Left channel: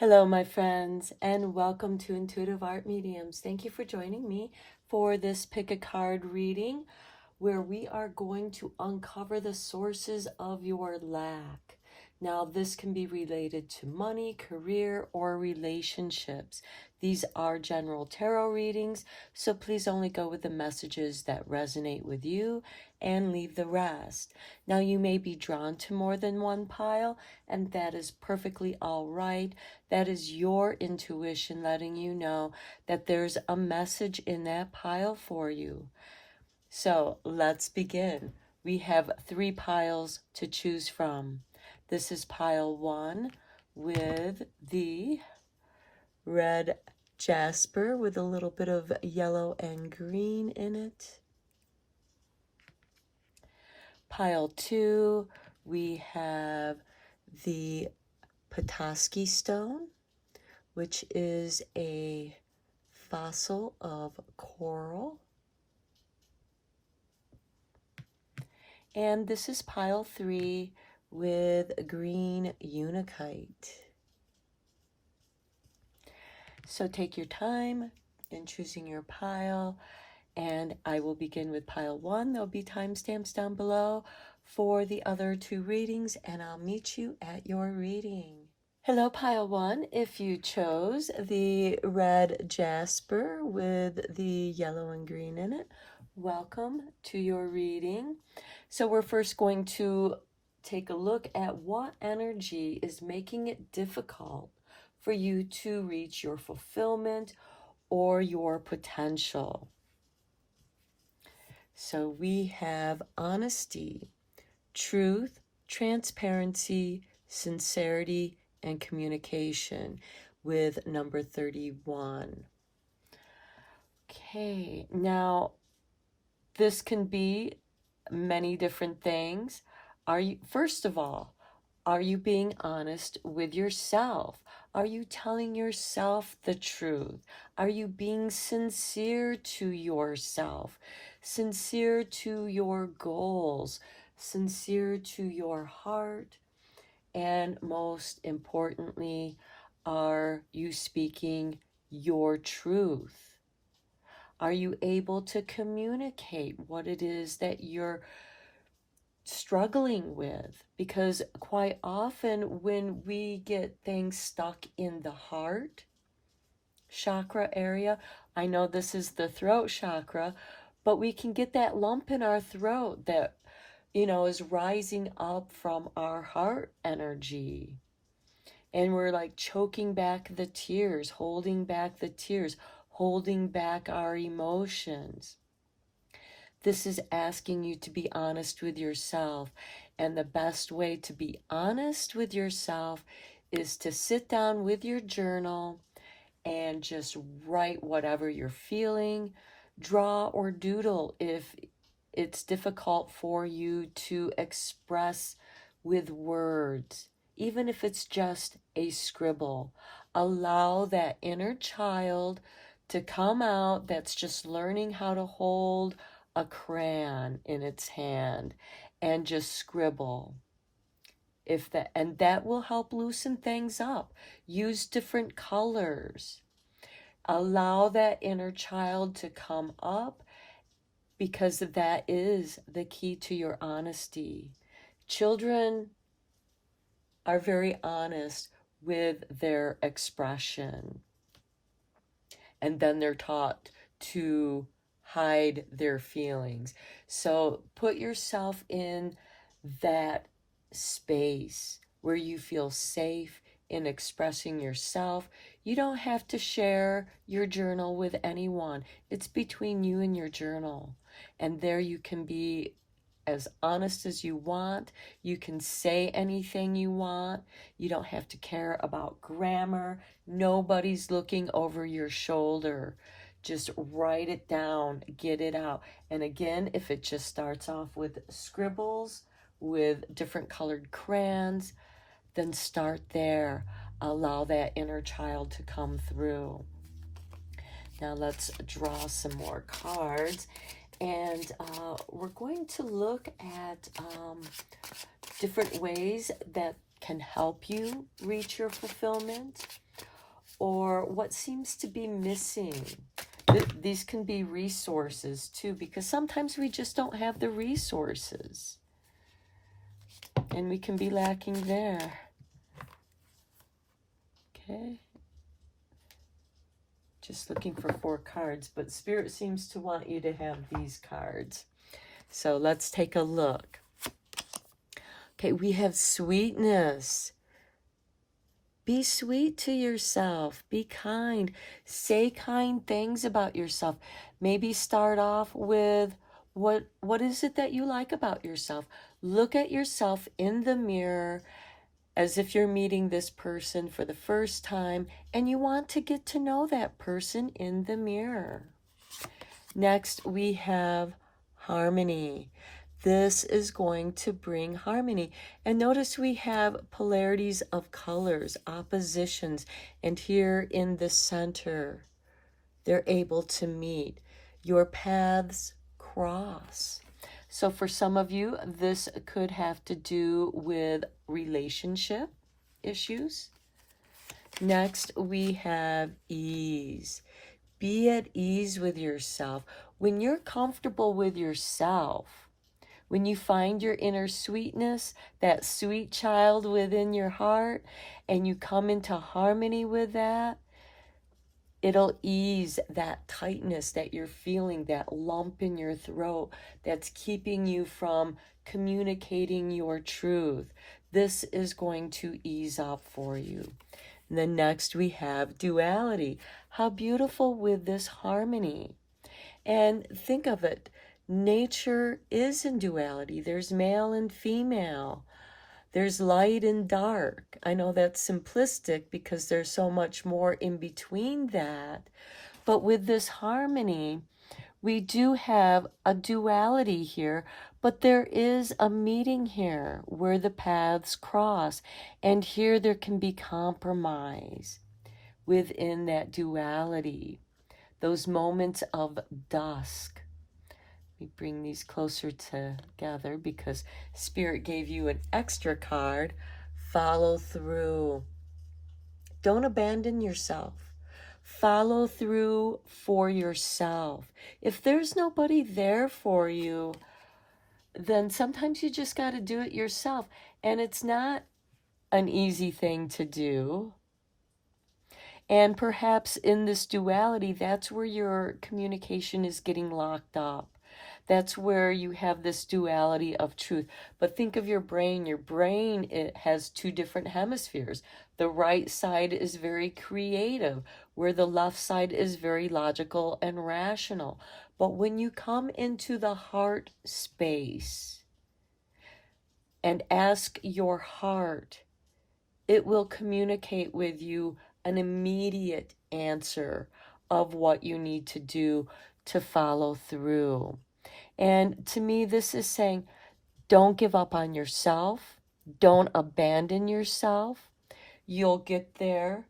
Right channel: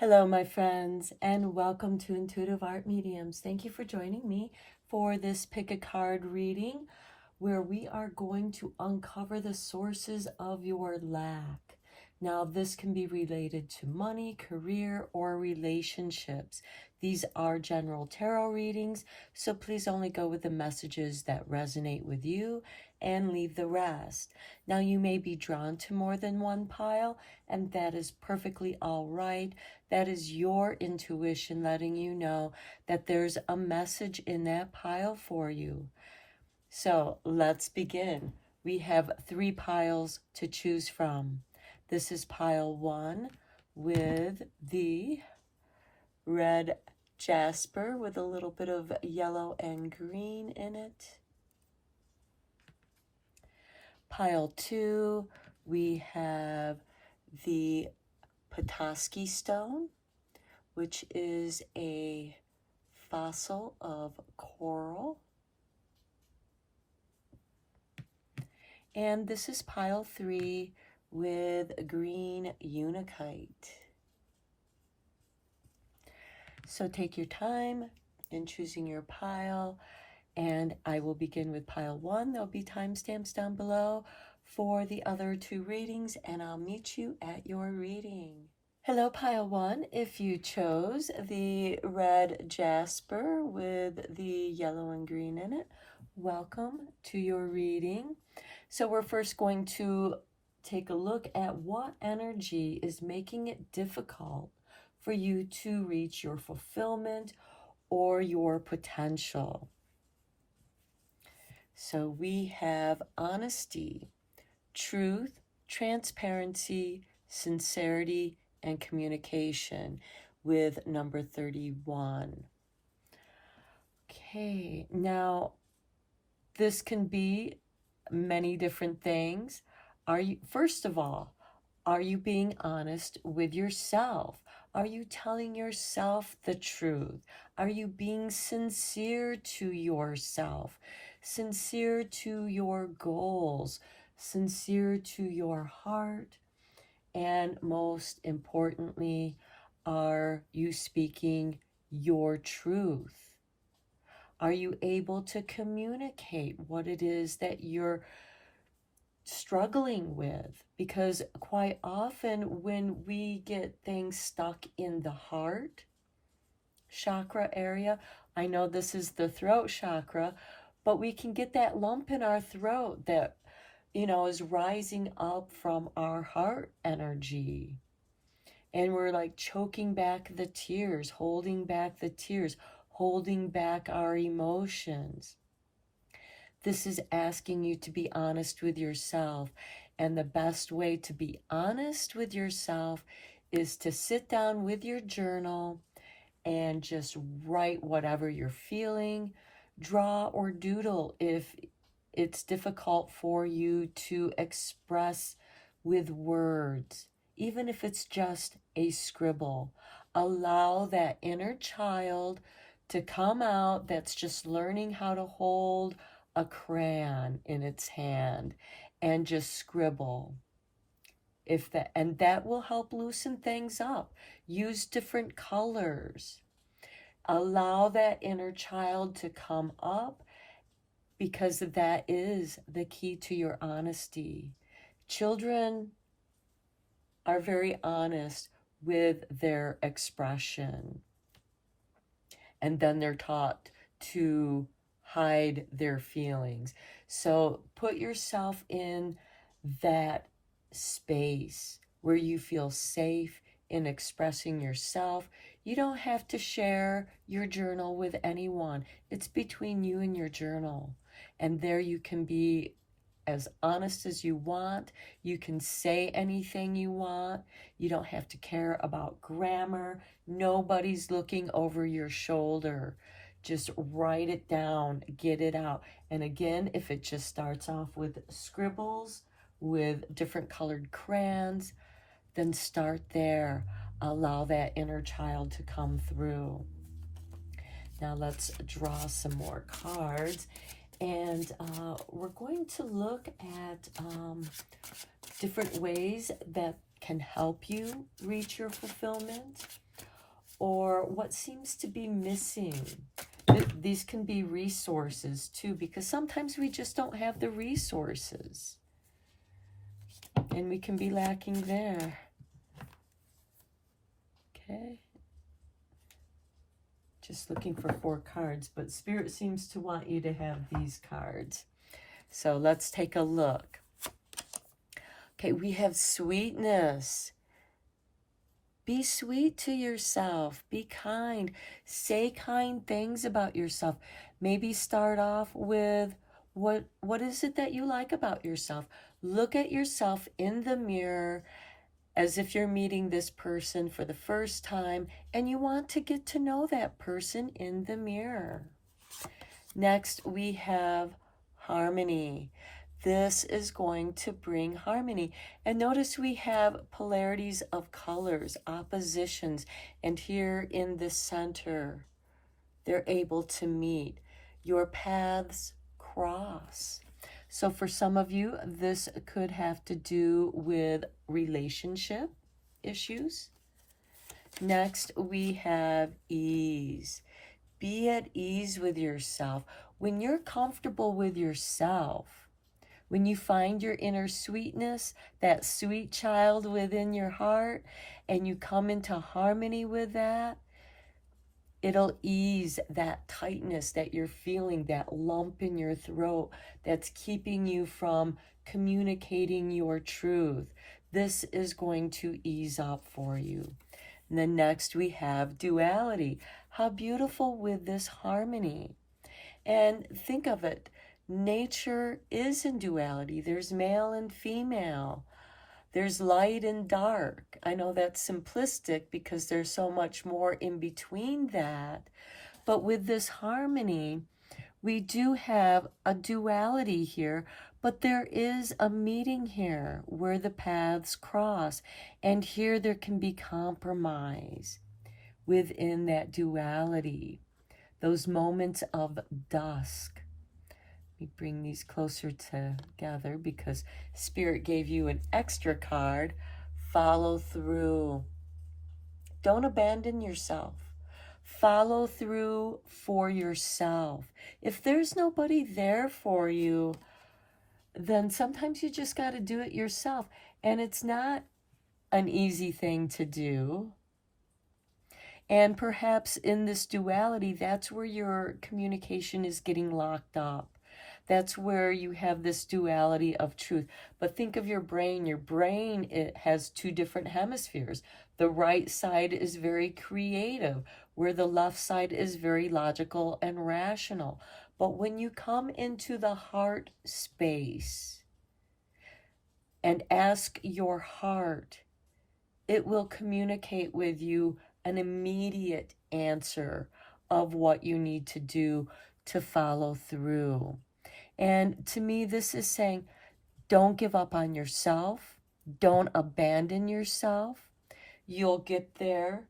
Hello, my friends, and welcome to Intuitive Art Mediums. Thank you for joining me for this pick a card reading where we are going to uncover the sources of your lack. Now, this can be related to money, career, or relationships. These are general tarot readings, so please only go with the messages that resonate with you and leave the rest. Now, you may be drawn to more than one pile, and that is perfectly all right. That is your intuition letting you know that there's a message in that pile for you. So let's begin. We have 3 piles to choose from. This is pile 1 with the red jasper with a little bit of yellow and green in it. Pile 2, we have the Petoskey stone, which is a fossil of coral. And this is pile 3 with green unakite. So take your time in choosing your pile, and I will begin with pile 1. There'll be timestamps down below for the other 2 readings, and I'll meet you at your reading. Hello, pile 1. If you chose the red jasper with the yellow and green in it, welcome to your reading. So we're first going to take a look at what energy is making it difficult for you to reach your fulfillment or your potential. So we have honesty, truth, transparency, sincerity, and communication with number 31. Okay, now this can be many different things. First of all, are you being honest with yourself? Are you telling yourself the truth? Are you being sincere to yourself? Sincere to your goals? Sincere to your heart? And most importantly, are you speaking your truth? Are you able to communicate what it is that you're struggling with? Because quite often when we get things stuck in the heart chakra area, I know this is the throat chakra, but we can get that lump in our throat that, is rising up from our heart energy. And we're like choking back the tears, holding back the tears, holding back our emotions. This is asking you to be honest with yourself. And the best way to be honest with yourself is to sit down with your journal and just write whatever you're feeling. Draw or doodle if it's difficult for you to express with words. Even if it's just a scribble, allow that inner child to come out that's just learning how to hold a crayon in its hand and just scribble. And that will help loosen things up. Use different colors. Allow that inner child to come up, because that is the key to your honesty. Children are very honest with their expression, and then they're taught to hide their feelings. So put yourself in that space where you feel safe in expressing yourself. You don't have to share your journal with anyone. It's between you and your journal. And there you can be as honest as you want. You can say anything you want. You don't have to care about grammar. Nobody's looking over your shoulder. Just write it down, get it out. And again, if it just starts off with scribbles, with different colored crayons, then start there. Allow that inner child to come through. Now let's draw some more cards. And we're going to look at different ways that can help you reach your fulfillment. or what seems to be missing. These can be resources too, because sometimes we just don't have the resources and we can be lacking there. Okay. Just looking for 4 cards, but Spirit seems to want you to have these cards. So let's take a look. Okay, we have sweetness. Be sweet to yourself. Be kind. Say kind things about yourself. Maybe start off with what is it that you like about yourself? Look at yourself in the mirror as if you're meeting this person for the first time and you want to get to know that person in the mirror. Next, we have harmony. This is going to bring harmony. And notice we have polarities of colors, oppositions, and here in the center, they're able to meet. Your paths cross. So for some of you, this could have to do with relationship issues. Next, we have ease. Be at ease with yourself. When you're comfortable with yourself, when you find your inner sweetness, that sweet child within your heart, and you come into harmony with that, it'll ease that tightness that you're feeling, that lump in your throat that's keeping you from communicating your truth. This is going to ease up for you. And then next we have duality. How beautiful with this harmony. And think of it, nature is in duality. There's male and female. There's light and dark. I know that's simplistic because there's so much more in between that. But with this harmony, we do have a duality here, but there is a meeting here where the paths cross. And here there can be compromise within that duality. Those moments of dusk. We bring these closer together because Spirit gave you an extra card. Follow through. Don't abandon yourself. Follow through for yourself. If there's nobody there for you, then sometimes you just got to do it yourself. And it's not an easy thing to do. And perhaps in this duality, that's where your communication is getting locked up. That's where you have this duality of truth. But think of your brain. Your brain, it has 2 different hemispheres. The right side is very creative, where the left side is very logical and rational. But when you come into the heart space and ask your heart, it will communicate with you an immediate answer of what you need to do to follow through. And to me, this is saying, don't give up on yourself. Don't abandon yourself. You'll get there.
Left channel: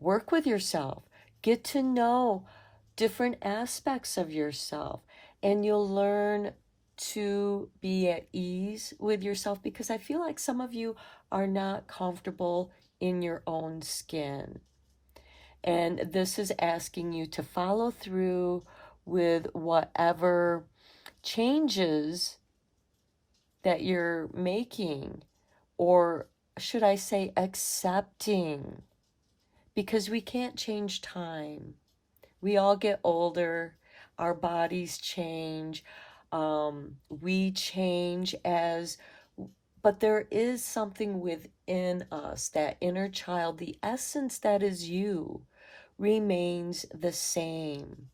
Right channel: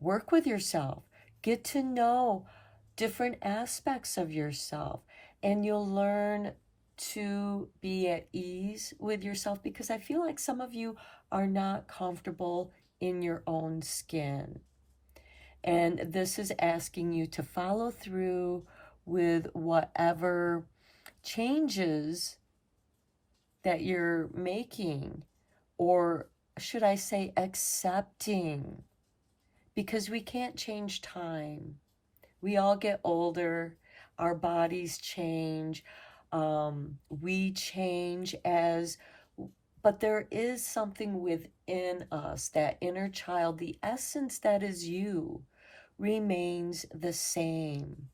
Work with yourself. Get to know different aspects of yourself. And you'll learn to be at ease with yourself, because I feel like some of you are not comfortable in your own skin. And this is asking you to follow through with whatever changes that you're making, or should I say accepting, because we can't change time. We all get older, our bodies change, we change but there is something within us, that inner child, the essence that is you, remains the same.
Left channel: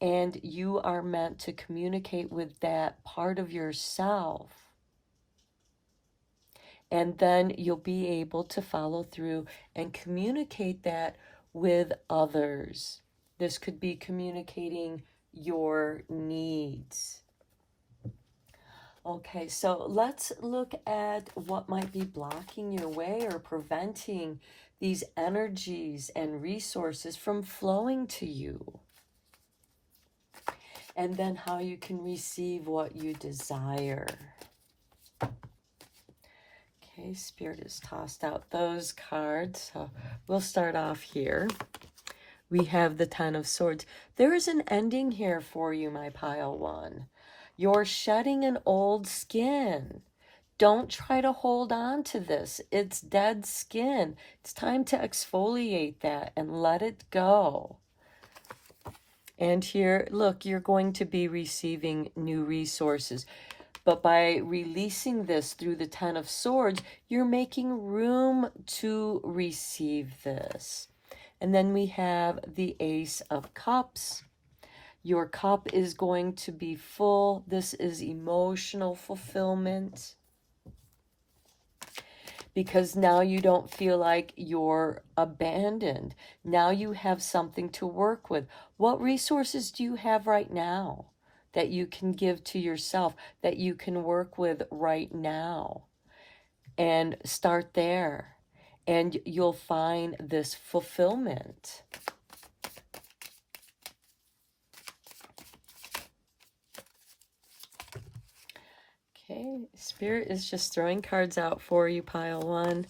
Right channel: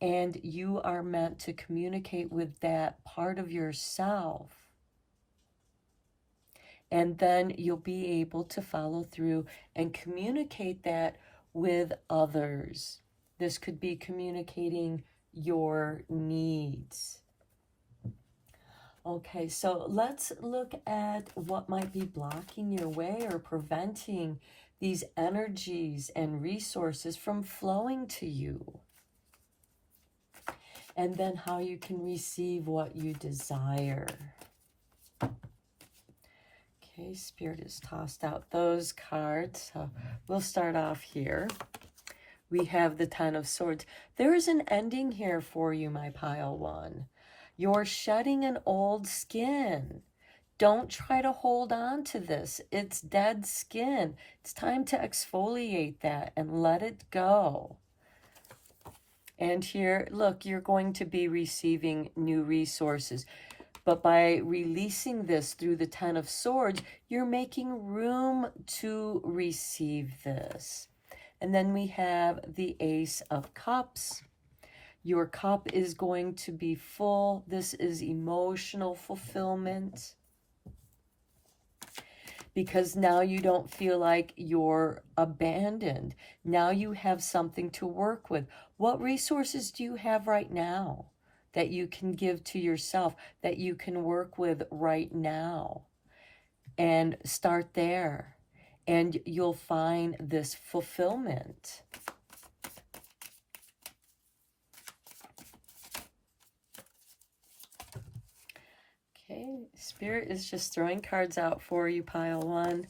And you are meant to communicate with that part of yourself. And then you'll be able to follow through and communicate that with others. This could be communicating your needs. Okay, so let's look at what might be blocking your way or preventing these energies and resources from flowing to you. And then how you can receive what you desire. Okay, Spirit has tossed out those cards. So we'll start off here. We have the Ten of Swords. There is an ending here for you, my pile one. You're shedding an old skin. Don't try to hold on to this. It's dead skin. It's time to exfoliate that and let it go. And here, look, you're going to be receiving new resources. But by releasing this through the Ten of Swords, you're making room to receive this. And then we have the Ace of Cups. Your cup is going to be full. This is emotional fulfillment, because now you don't feel like you're abandoned. Now you have something to work with. What resources do you have right now that you can give to yourself, that you can work with right now? And start there, and you'll find this fulfillment. Okay, Spirit is just throwing cards out for you, pile one.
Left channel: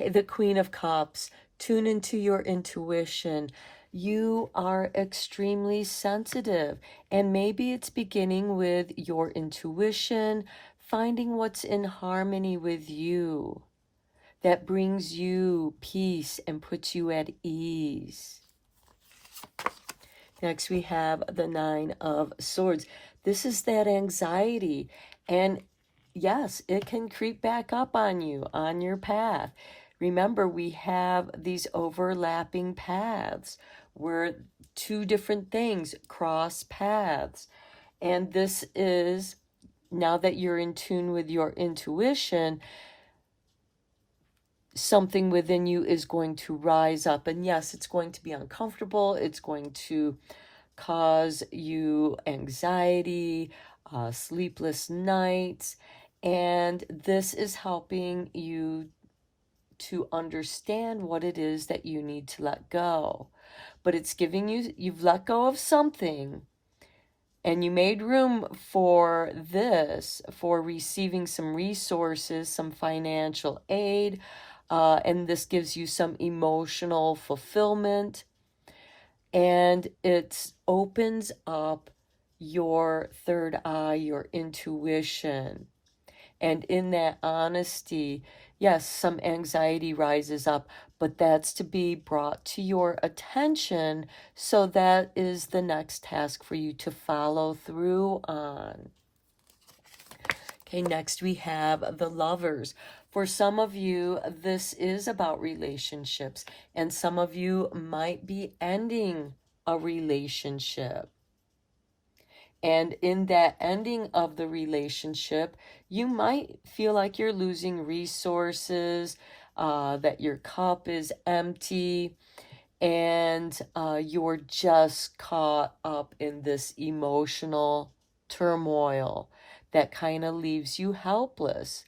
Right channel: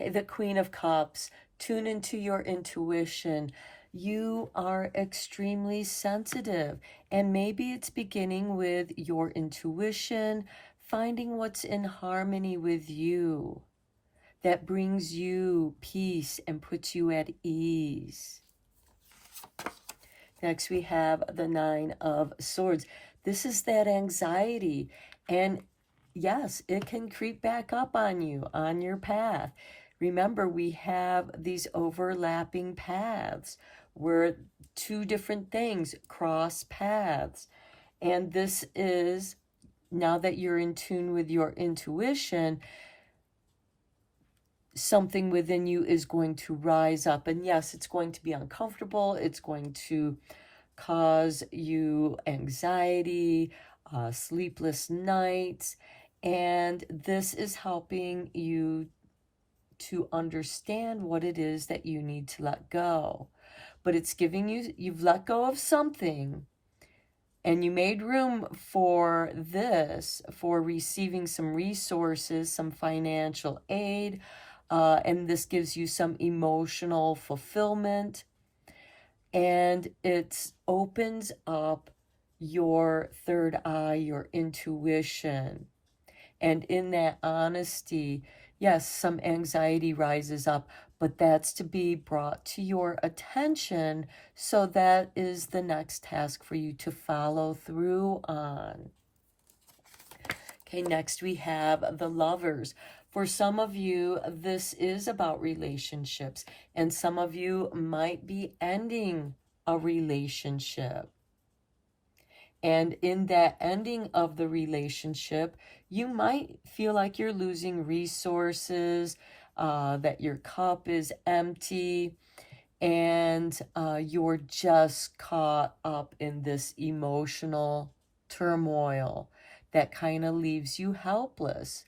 Okay, the Queen of Cups. Tune into your intuition. You are extremely sensitive, and maybe it's beginning with your intuition, finding what's in harmony with you, that brings you peace and puts you at ease. Next, we have the Nine of Swords. This is that anxiety. And yes, it can creep back up on you, on your path. Remember, we have these overlapping paths where two different things cross paths. And this is, now that you're in tune with your intuition, something within you is going to rise up. And yes, it's going to be uncomfortable. It's going to cause you anxiety, sleepless nights. And this is helping you to understand what it is that you need to let go. But it's giving you, you've let go of something, and you made room for this, for receiving some resources, some financial aid, and this gives you some emotional fulfillment, and it opens up your third eye, your intuition. And in that honesty, yes, some anxiety rises up, but that's to be brought to your attention. So that is the next task for you to follow through on. Okay, next we have the Lovers. For some of you, this is about relationships, and some of you might be ending a relationship. And in that ending of the relationship, you might feel like you're losing resources, that your cup is empty, and you're just caught up in this emotional turmoil that kind of leaves you helpless.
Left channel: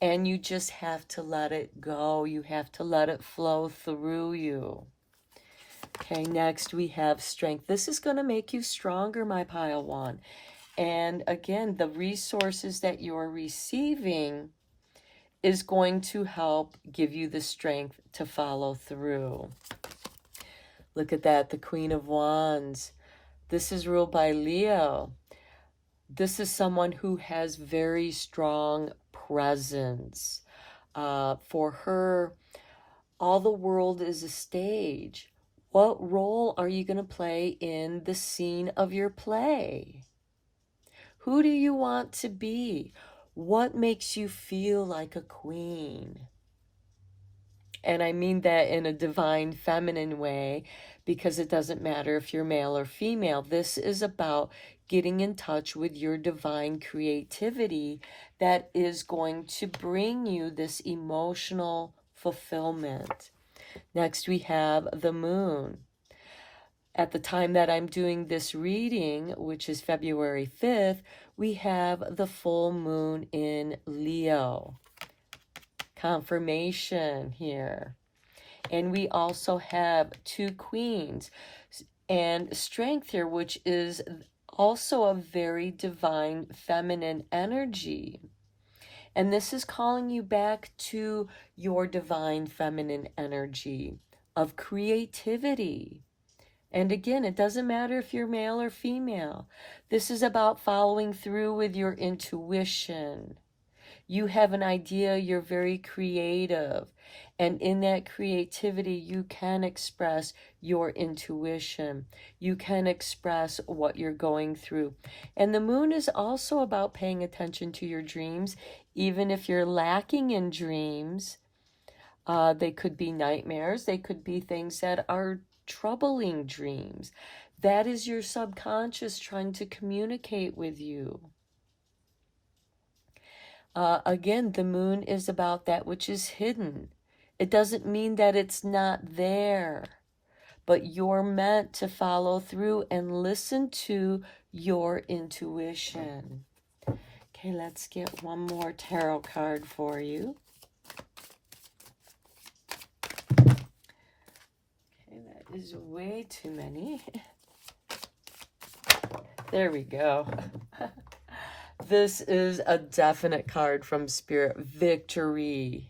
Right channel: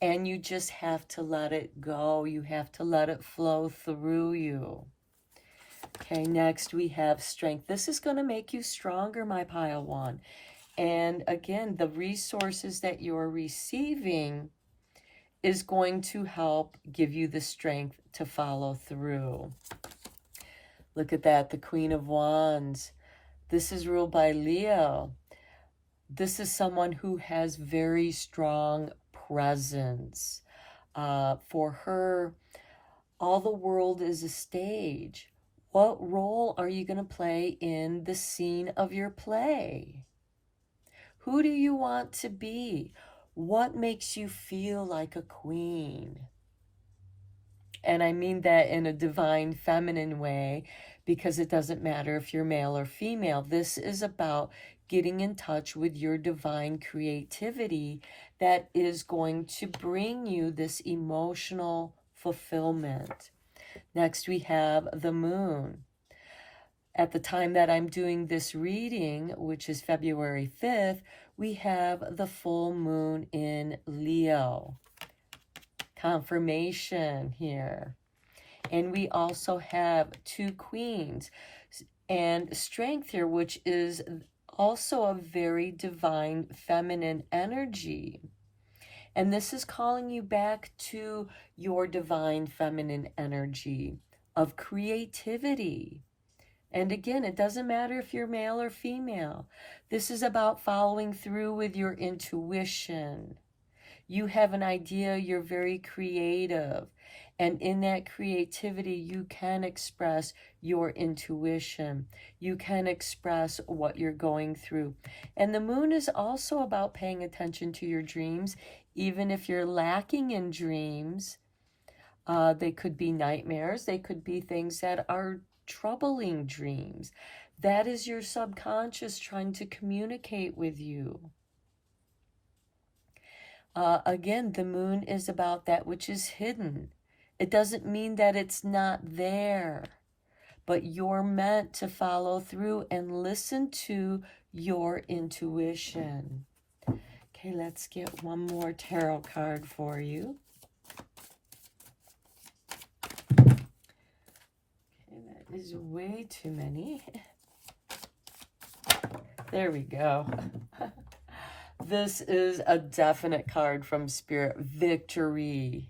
And you just have to let it go. You have to let it flow through you. Okay, next we have Strength. This is going to make you stronger, my pile one. And again, the resources that you're receiving is going to help give you the strength to follow through. Look at that, the Queen of Wands. This is ruled by Leo. This is someone who has very strong presence. For her, all the world is a stage. What role are you going to play in the scene of your play? Who do you want to be? What makes you feel like a queen? And I mean that in a divine feminine way, because it doesn't matter if you're male or female. This is about getting in touch with your divine creativity that is going to bring you this emotional fulfillment. Next, we have the Moon. At the time that I'm doing this reading, which is February 5th, we have the full moon in Leo. Confirmation here. And we also have two queens and Strength here, which is also a very divine feminine energy. And this is calling you back to your divine feminine energy of creativity. And again, it doesn't matter if you're male or female. This is about following through with your intuition. You have an idea, you're very creative. And in that creativity, you can express your intuition. You can express what you're going through. And the moon is also about paying attention to your dreams, even if you're lacking in dreams. They could be nightmares. They could be things that are troubling dreams. That is your subconscious trying to communicate with you. Again, the moon is about that which is hidden. It doesn't mean that it's not there, but you're meant to follow through and listen to your intuition. Okay, let's get one more tarot card for you. Okay, that is way too many. There we go. This is a definite card from Spirit. Victory.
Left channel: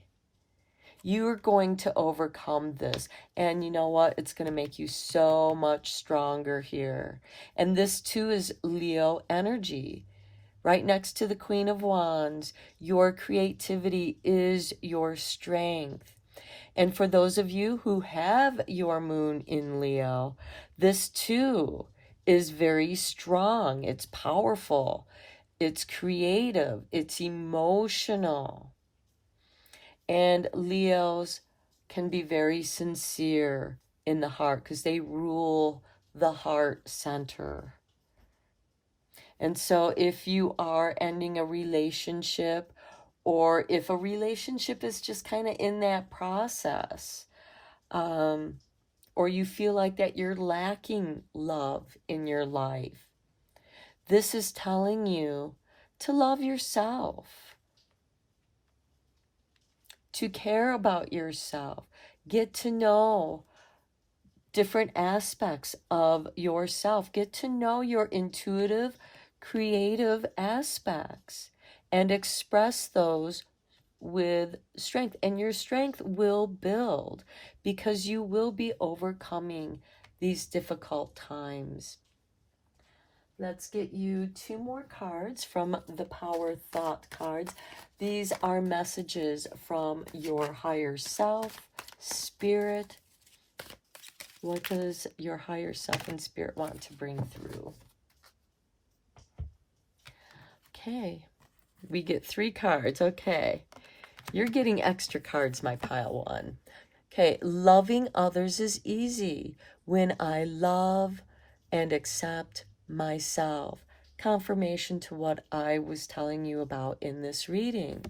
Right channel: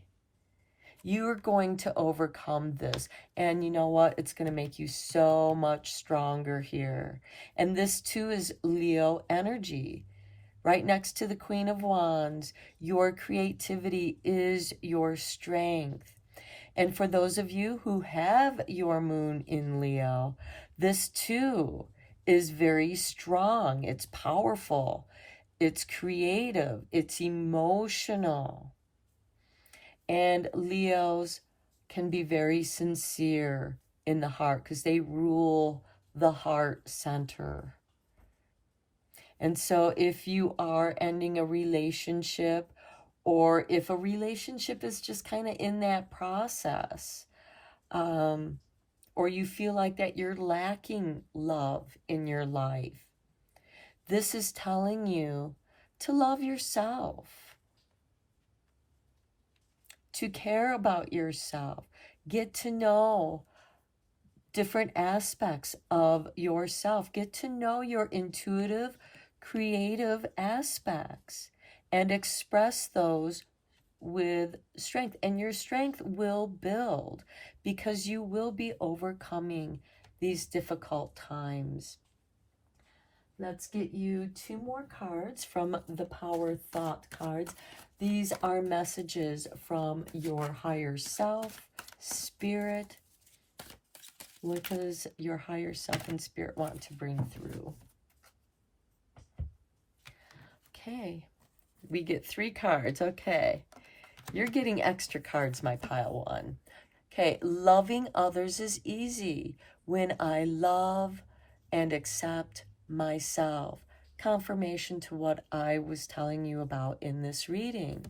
You are going to overcome this. And you know what? It's going to make you so much stronger here. And this too is Leo energy. Right next to the Queen of Wands, your creativity is your strength. And for those of you who have your moon in Leo, this too is very strong. It's powerful. It's creative. It's emotional. And Leos can be very sincere in the heart because they rule the heart center. And so if you are ending a relationship, or if a relationship is just kind of in that process, or you feel like that you're lacking love in your life, this is telling you to love yourself, to care about yourself, get to know different aspects of yourself, get to know your intuitive, creative aspects, and express those with strength. And your strength will build because you will be overcoming these difficult times. Let's get you two more cards from the Power Thought cards. These are messages from your higher self, spirit. What does your higher self and spirit want to bring through? Okay, we get 3 cards. Okay, you're getting extra cards, my pile 1. Okay, loving others is easy when I love and accept myself. Confirmation to what I was telling you about in this reading.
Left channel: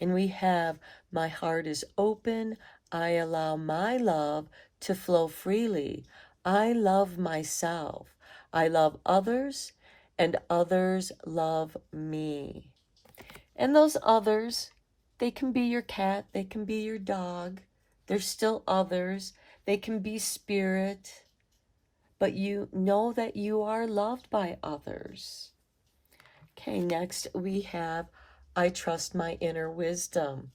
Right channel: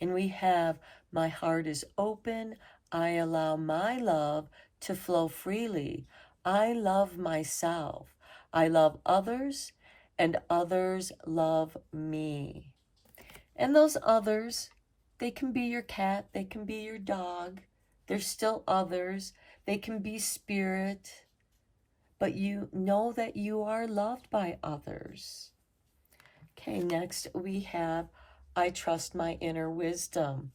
And we have, my heart is open. I allow my love to flow freely. I love myself. I love others, and others love me. And those others, they can be your cat, they can be your dog. They're still others. They can be spirit. But you know that you are loved by others. Okay, next we have, I trust my inner wisdom.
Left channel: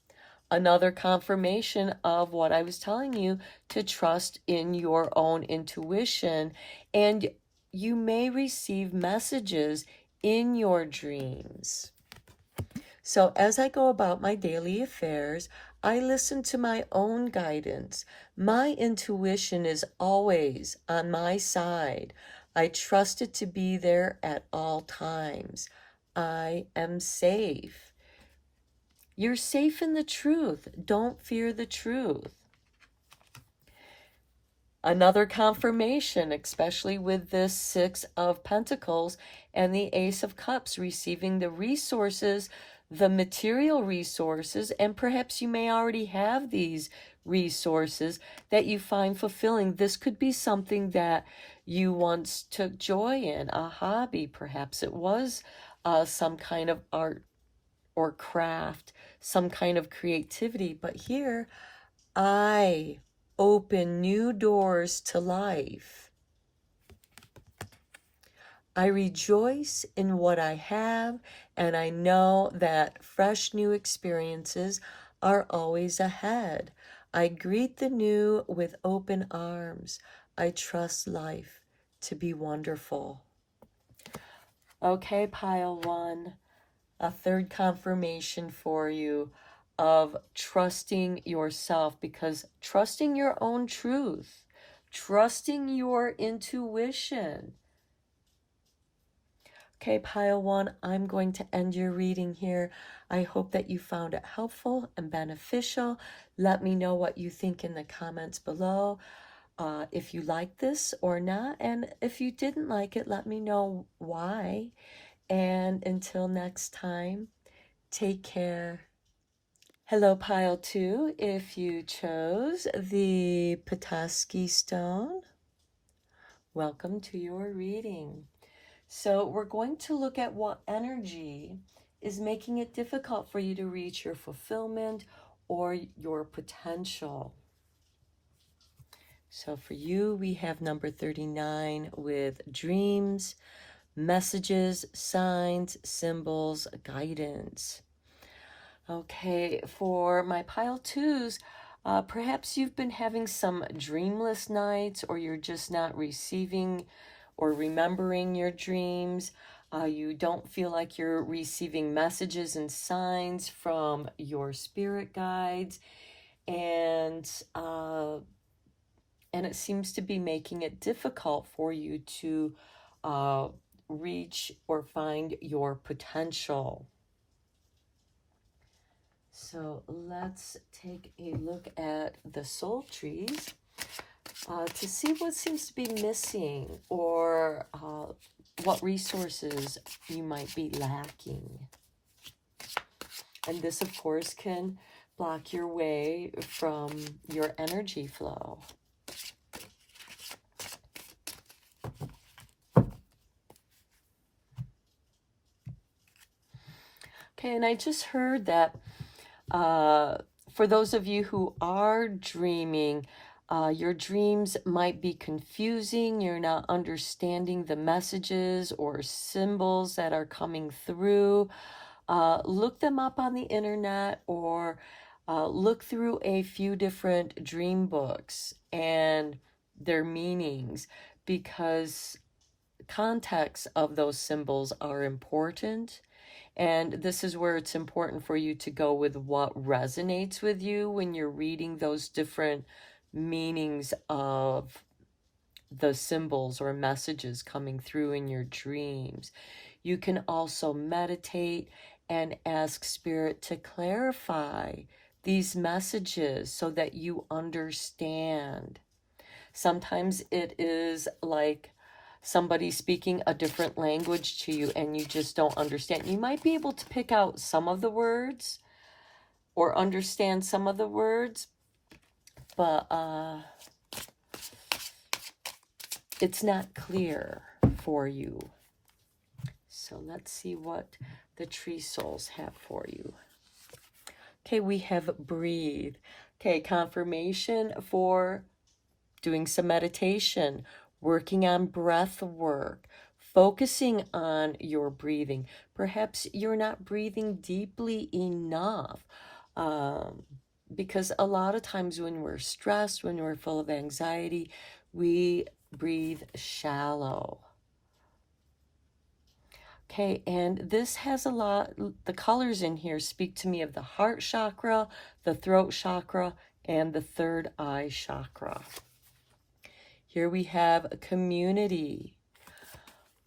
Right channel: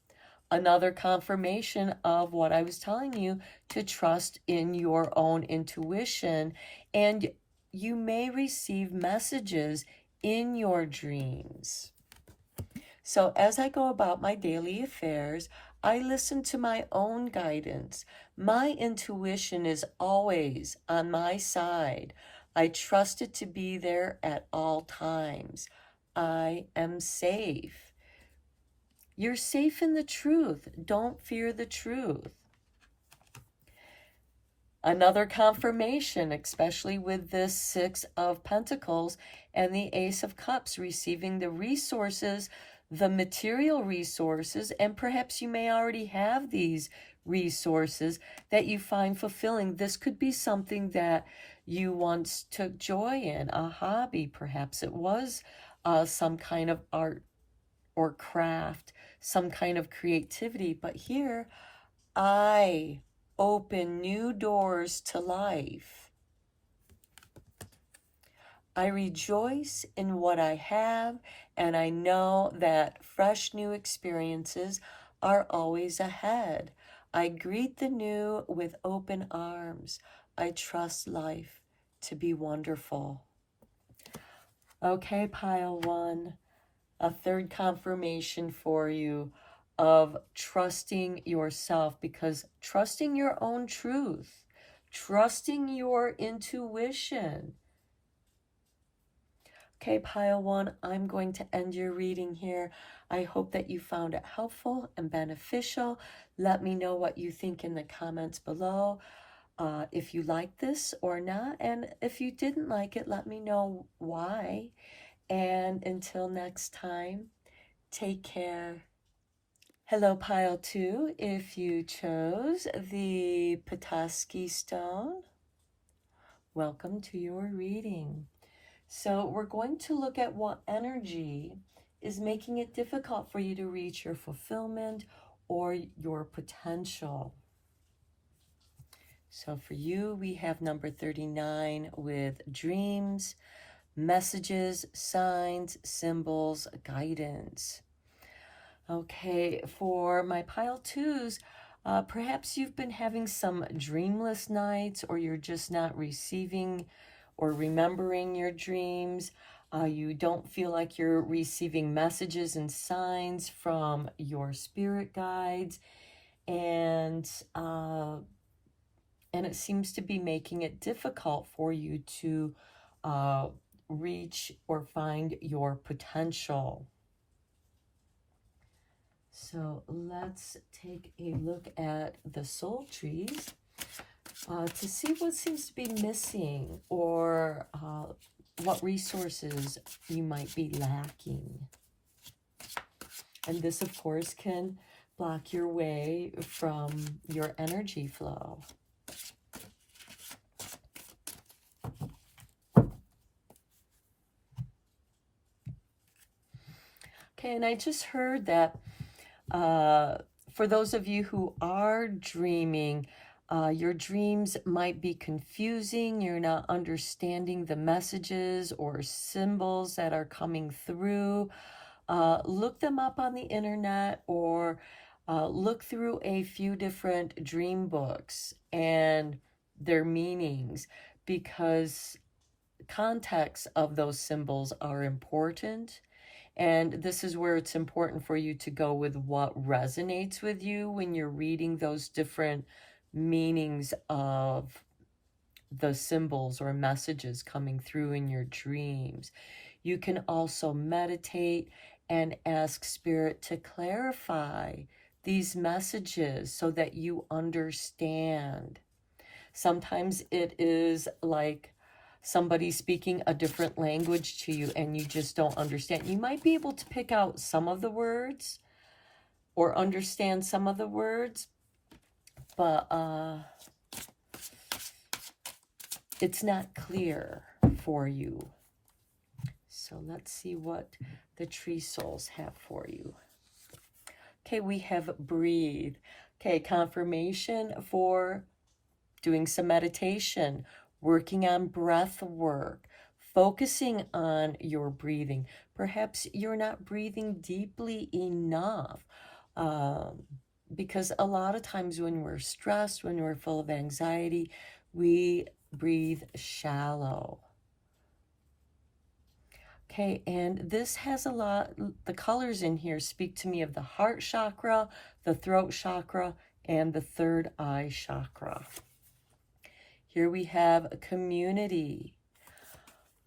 Another confirmation of what I was telling you, to trust in your own intuition. And you may receive messages in your dreams. So as I go about my daily affairs, I listen to my own guidance. My intuition is always on my side. I trust it to be there at all times. I am safe. You're safe in the truth. Don't fear the truth. Another confirmation, especially with this 6 of Pentacles and the Ace of Cups, receiving the resources, the material resources, and perhaps you may already have these resources that you find fulfilling. This could be something that you once took joy in, a hobby. Perhaps it was some kind of art or craft, some kind of creativity. But here, I open new doors to life. I rejoice in what I have, and I know that fresh new experiences are always ahead. I greet the new with open arms. I trust life to be wonderful. Okay, pile one, a third confirmation for you of trusting yourself, because trusting your own truth, trusting your intuition. Okay, pile one, I'm going to end your reading here. I hope that you found it helpful and beneficial. Let me know what you think in the comments below. If you like this or not, and if you didn't like it, let me know why. And until next time, take care. Hello, pile two. If you chose the Petoskey stone, welcome to your reading. So we're going to look at what energy is making it difficult for you to reach your fulfillment or your potential. So for you, we have number 39 with dreams, messages, signs, symbols, guidance. Okay, for my pile twos, perhaps you've been having some dreamless nights, or you're just not receiving or remembering your dreams. You don't feel like you're receiving messages and signs from your spirit guides, and it seems to be making it difficult for you to reach or find your potential. So let's take a look at the soul trees to see what seems to be missing, or what resources you might be lacking. And this, of course, can block your way from your energy flow. Okay, and I just heard that for those of you who are dreaming, your dreams might be confusing. You're not understanding the messages or symbols that are coming through. Look them up on the internet, or look through a few different dream books and their meanings, because context of those symbols are important. And this is where it's important for you to go with what resonates with you when you're reading those different meanings of the symbols or messages coming through in your dreams. You can also meditate and ask Spirit to clarify these messages so that you understand. Sometimes it is like somebody speaking a different language to you and you just don't understand. You might be able to pick out some of the words or understand some of the words, but it's not clear for you. So let's see what the tree souls have for you. Okay, we have breathe. Okay, confirmation for doing some meditation, working on breath work, focusing on your breathing. Perhaps you're not breathing deeply enough, because a lot of times when we're stressed, when we're full of anxiety, we breathe shallow. Okay, and this has a lot, the colors in here speak to me of the heart chakra, the throat chakra, and the third eye chakra. Here we have a community.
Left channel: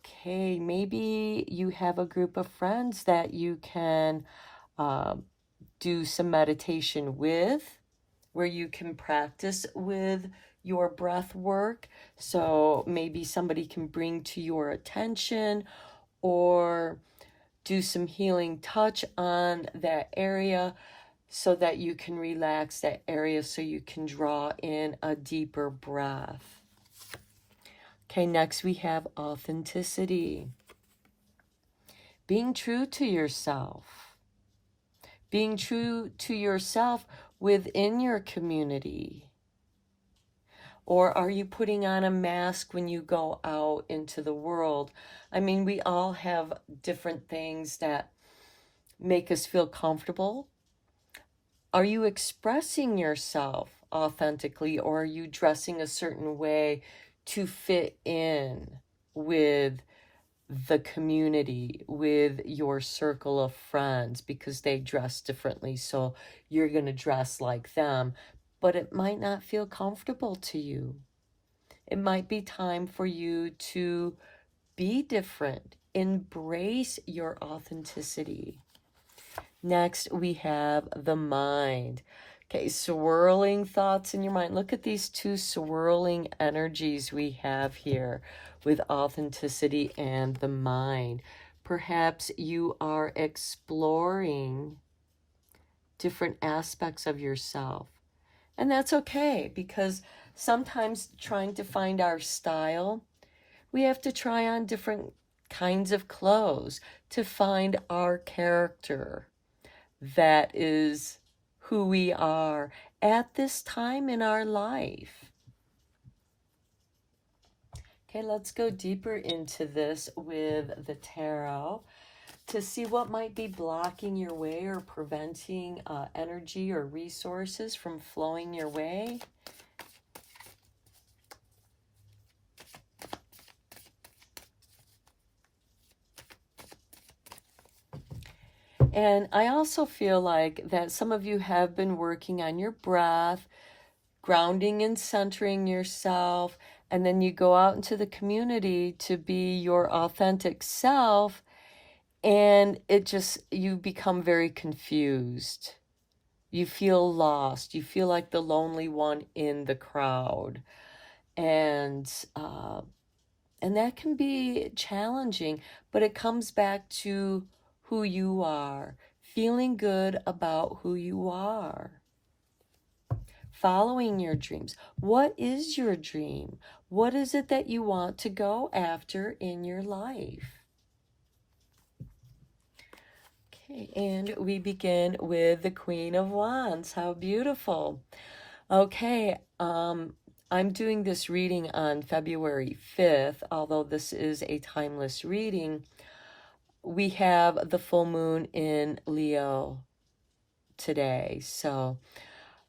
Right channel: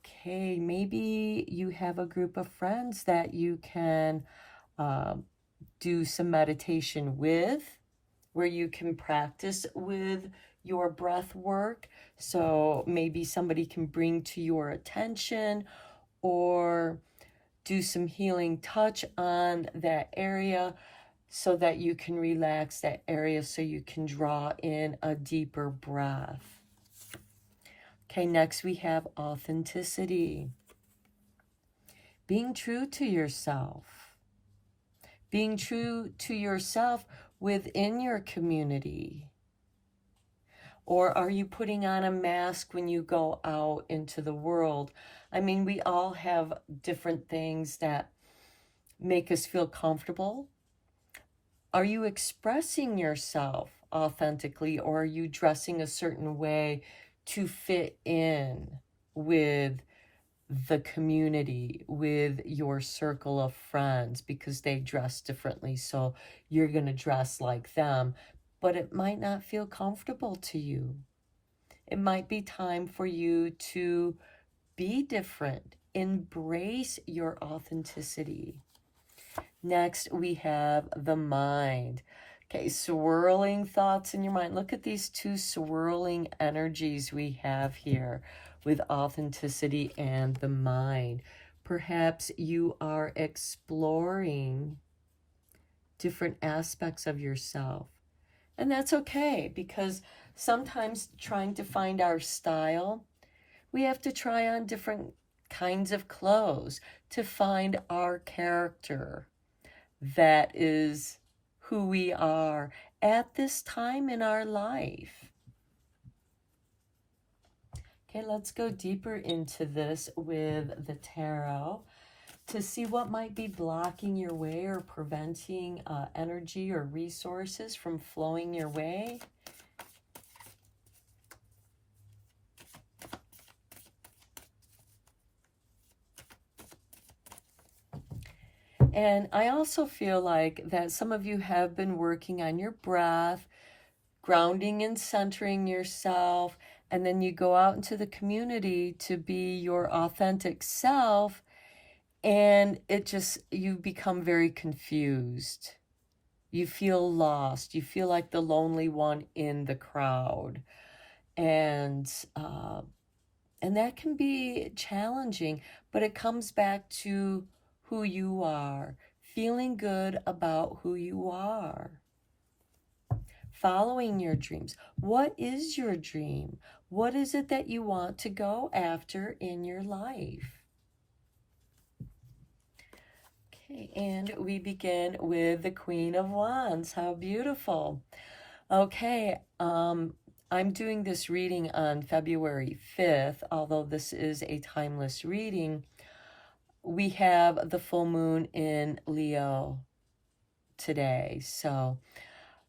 Okay, maybe you have a group of friends that you can do some meditation with, where you can practice with your breath work. So maybe somebody can bring to your attention or do some healing touch on that area so that you can relax that area, so you can draw in a deeper breath. Okay, next we have authenticity. Being true to yourself. Being true to yourself within your community. Or are you putting on a mask when you go out into the world? I mean, we all have different things that make us feel comfortable. Are you expressing yourself authentically, or are you dressing a certain way to fit in with the community, with your circle of friends, because they dress differently, so you're going to dress like them, but it might not feel comfortable to you. It might be time for you to be different, embrace your authenticity. Next, we have the mind. Okay, swirling thoughts in your mind. Look at these two swirling energies we have here with authenticity and the mind. Perhaps you are exploring different aspects of yourself. And that's okay, because sometimes trying to find our style, we have to try on different kinds of clothes to find our character. That is who we are at this time in our life. Okay, let's go deeper into this with the tarot to see what might be blocking your way or preventing energy or resources from flowing your way. And I also feel like that some of you have been working on your breath, grounding and centering yourself, and then you go out into the community to be your authentic self, and you become very confused. You feel lost. You feel like the lonely one in the crowd. And that can be challenging, but it comes back to who you are, feeling good about who you are, following your dreams. What is your dream? What is it that you want to go after in your life? Okay, and we begin with the Queen of Wands. How beautiful. Okay, I'm doing this reading on February 5th, although this is a timeless reading. We have the full moon in Leo today, so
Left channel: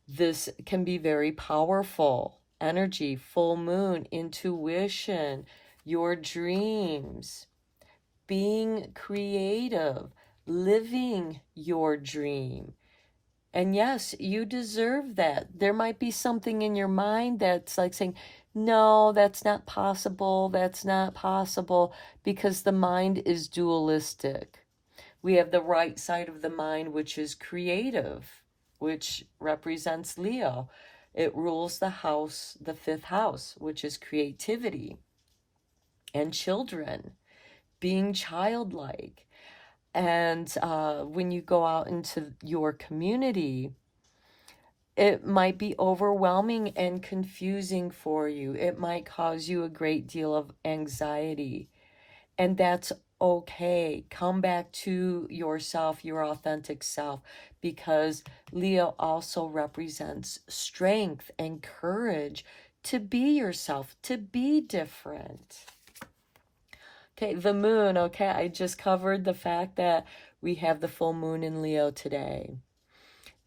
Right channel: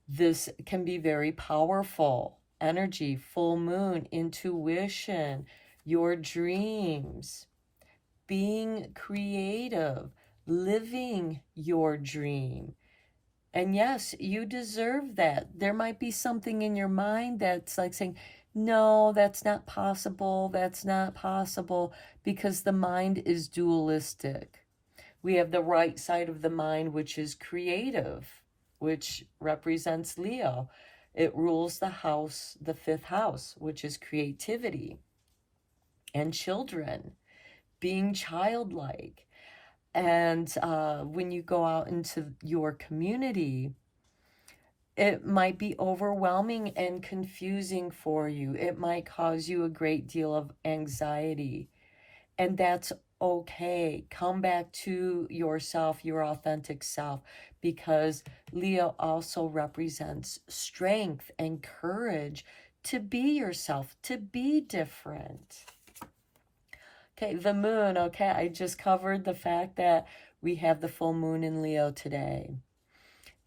this can be very powerful energy. Full moon, intuition, your dreams, being creative, living your dream. And yes, you deserve that. There might be something in your mind that's like saying, no, that's not possible. That's not possible, because the mind is dualistic. We have the right side of the mind, which is creative, which represents Leo. It rules the house, the fifth house, which is creativity and children, being childlike. And when you go out into your community, it might be overwhelming and confusing for you. It might cause you a great deal of anxiety. And that's okay. Come back to yourself, your authentic self, because Leo also represents strength and courage to be yourself, to be different. Okay, the moon. Okay, I just covered the fact that we have the full moon in Leo today.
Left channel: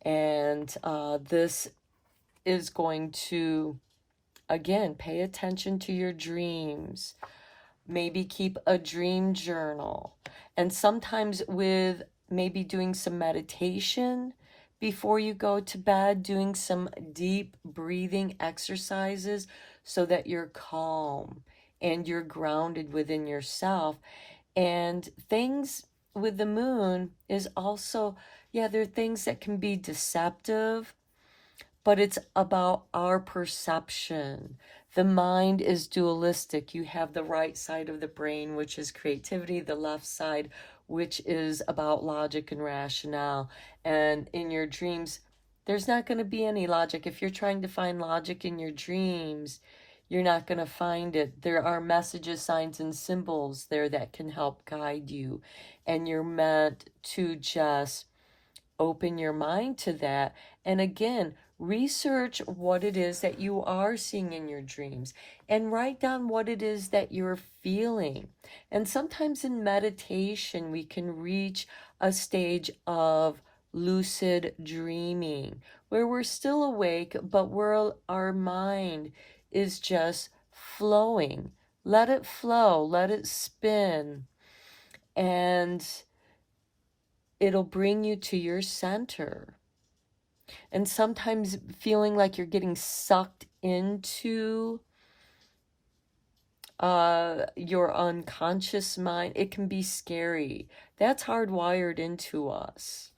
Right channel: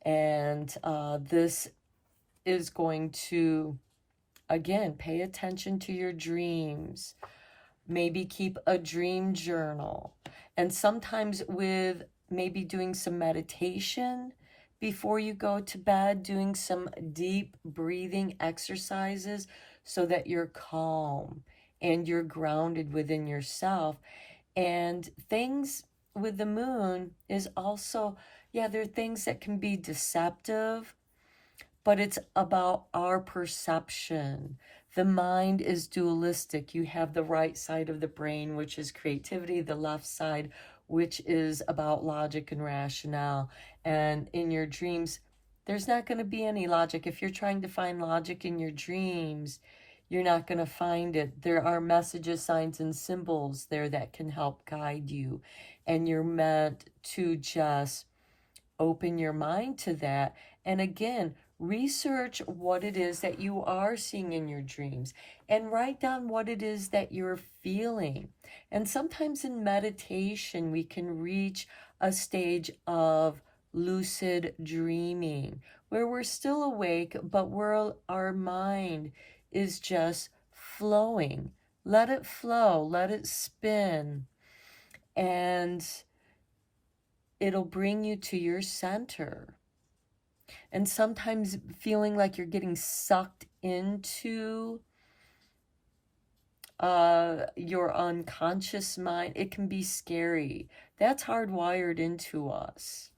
And this is going to, again, pay attention to your dreams. Maybe keep a dream journal. And sometimes with maybe doing some meditation before you go to bed, doing some deep breathing exercises so that you're calm and you're grounded within yourself. And things with the moon is also, yeah, there are things that can be deceptive, but it's about our perception. The mind is dualistic. You have the right side of the brain, which is creativity, the left side, which is about logic and rationale. And in your dreams, there's not going to be any logic. If you're trying to find logic in your dreams, you're not going to find it. There are messages, signs, and symbols there that can help guide you. And you're meant to just open your mind to that. And again, Research what it is that you are seeing in your dreams and write down what it is that you're feeling. And sometimes in meditation, we can reach a stage of lucid dreaming where we're still awake, but where our mind is just flowing. Let it flow, let it spin, and it'll bring you to your center. And sometimes feeling like you're getting sucked into your unconscious mind, it can be scary. That's hardwired into us.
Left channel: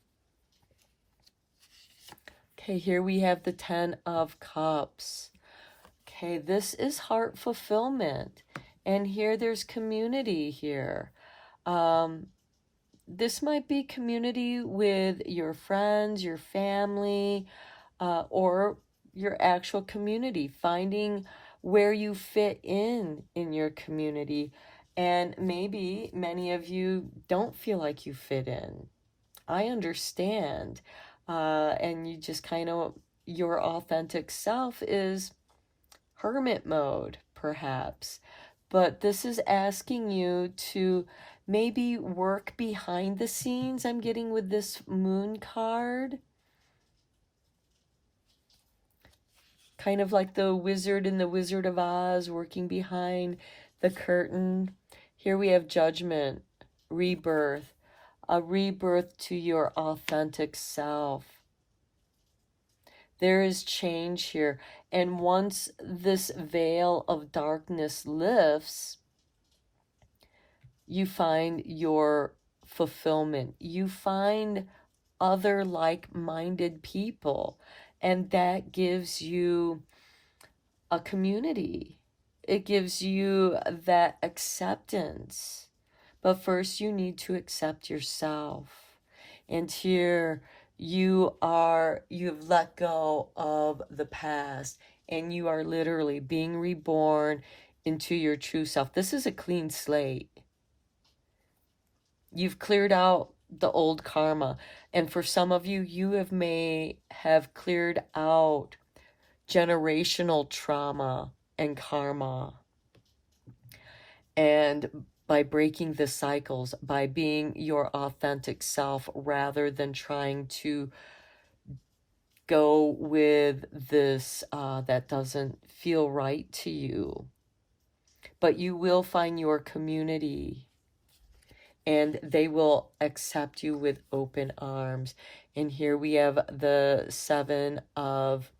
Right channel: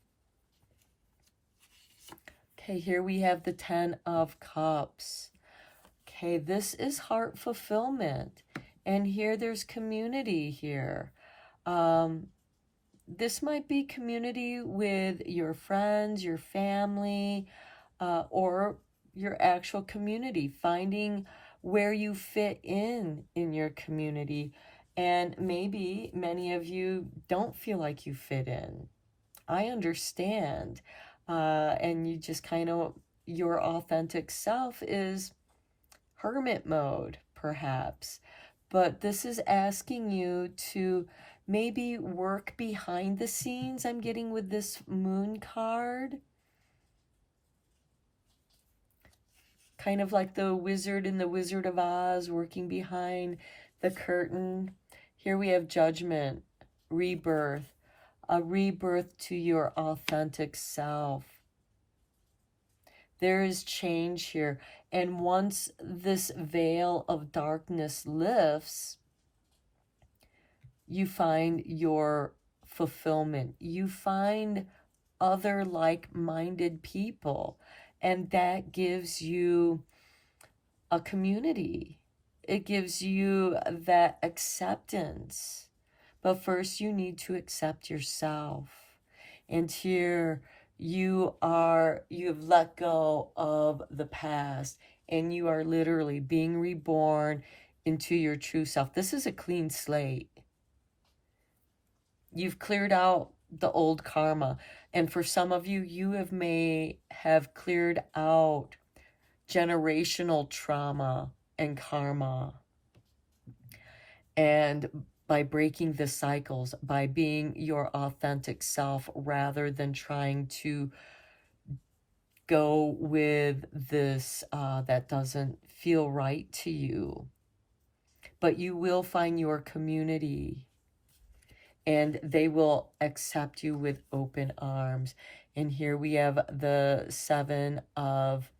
Okay, here we have the 10 of Cups. Okay, this is heart fulfillment. And here there's community here. This might be community with your friends, your family, or your actual community, finding where you fit in your community. And maybe many of you don't feel like you fit in. I understand. And you just kind of, your authentic self is hermit mode, perhaps. But this is asking you to maybe work behind the scenes. I'm getting with this moon card. Kind of like the wizard in the Wizard of Oz working behind the curtain. Here we have judgment, rebirth, a rebirth to your authentic self. There is change here. And once this veil of darkness lifts, you find your fulfillment. You find other like-minded people, and that gives you a community. It gives you that acceptance. But first you need to accept yourself. And here you've let go of the past, and you are literally being reborn into your true self. This is a clean slate. You've cleared out the old karma. And for some of you, may have cleared out generational trauma and karma. And by breaking the cycles, by being your authentic self rather than trying to go with this that doesn't feel right to you. But you will find your community, and they will accept you with open arms. And here we have the 7 of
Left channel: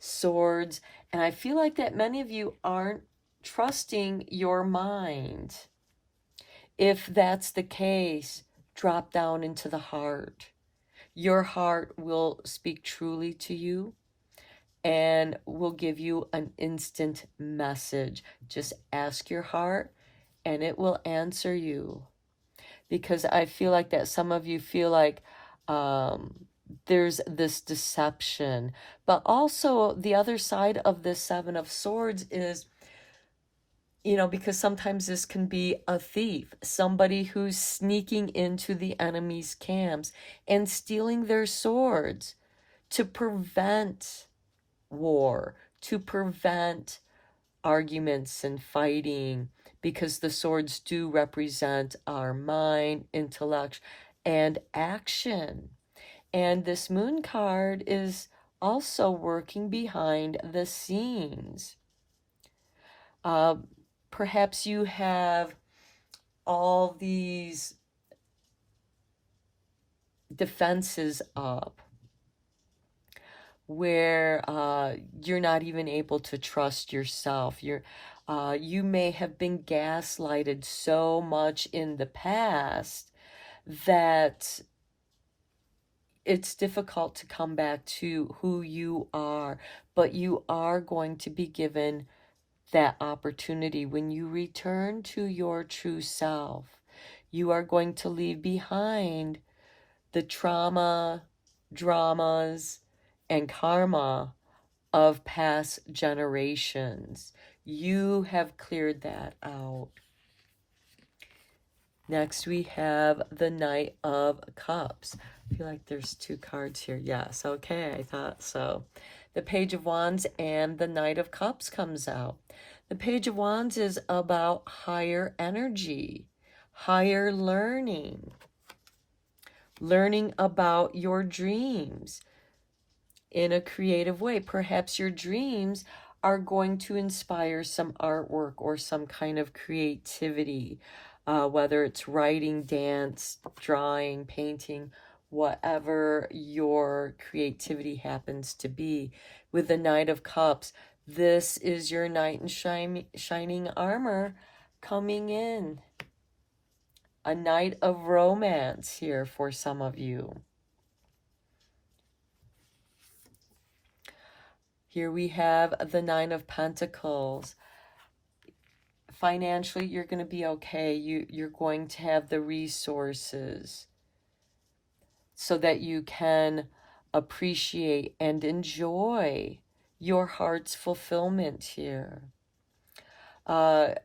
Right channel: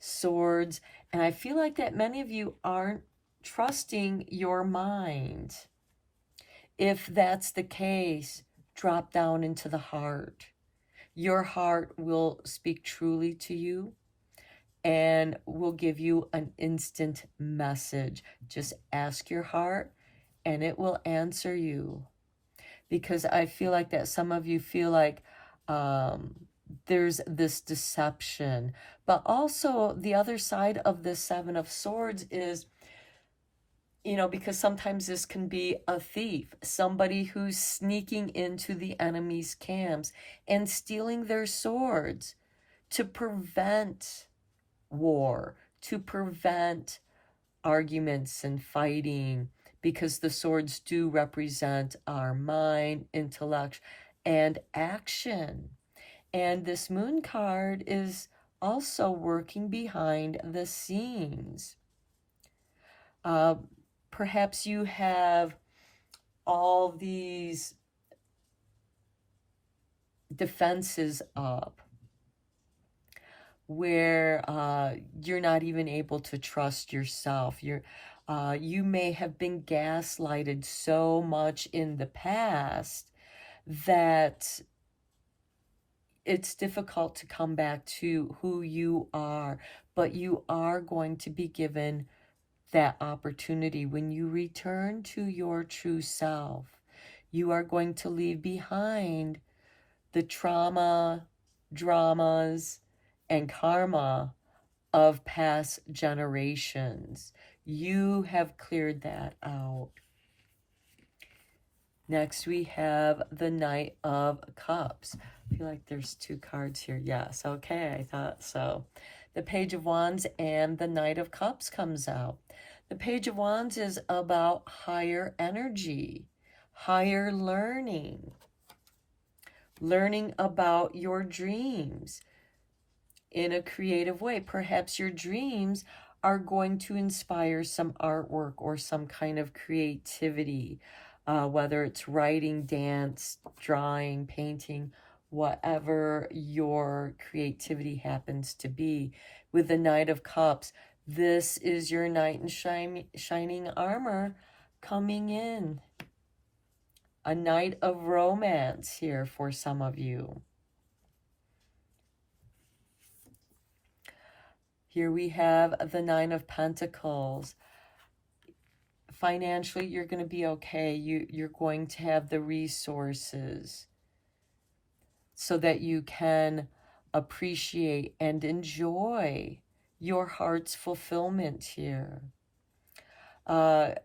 Swords. And I feel like that many of you aren't trusting your mind. If that's the case, drop down into the heart. Your heart will speak truly to you and will give you an instant message. Just ask your heart and it will answer you. Because I feel like that some of you feel like there's this deception. But also the other side of this 7 of Swords is, because sometimes this can be a thief, somebody who's sneaking into the enemy's camps and stealing their swords to prevent war, to prevent arguments and fighting, because the swords do represent our mind, intellect, and action. And this moon card is also working behind the scenes. Perhaps you have all these defenses up where you're not even able to trust yourself. You may have been gaslighted so much in the past that it's difficult to come back to who you are, but you are going to be given that opportunity. When you return to your true self, you are going to leave behind the trauma, dramas, and karma of past generations. You have cleared that out. Next, we have the Knight of Cups. I feel like there's two cards here. Yes, okay, I thought so. The Page of Wands and the Knight of Cups comes out. The Page of Wands is about higher energy, higher learning, learning about your dreams in a creative way. Perhaps your dreams are going to inspire some artwork or some kind of creativity, whether it's writing, dance, drawing, painting, whatever your creativity happens to be. With the Knight of Cups, this is your knight in shining armor coming in. A night of romance here for some of you. Here we have the Nine of Pentacles. Financially, you're going to be okay. You're going to have the resources so that you can appreciate and enjoy your heart's fulfillment here.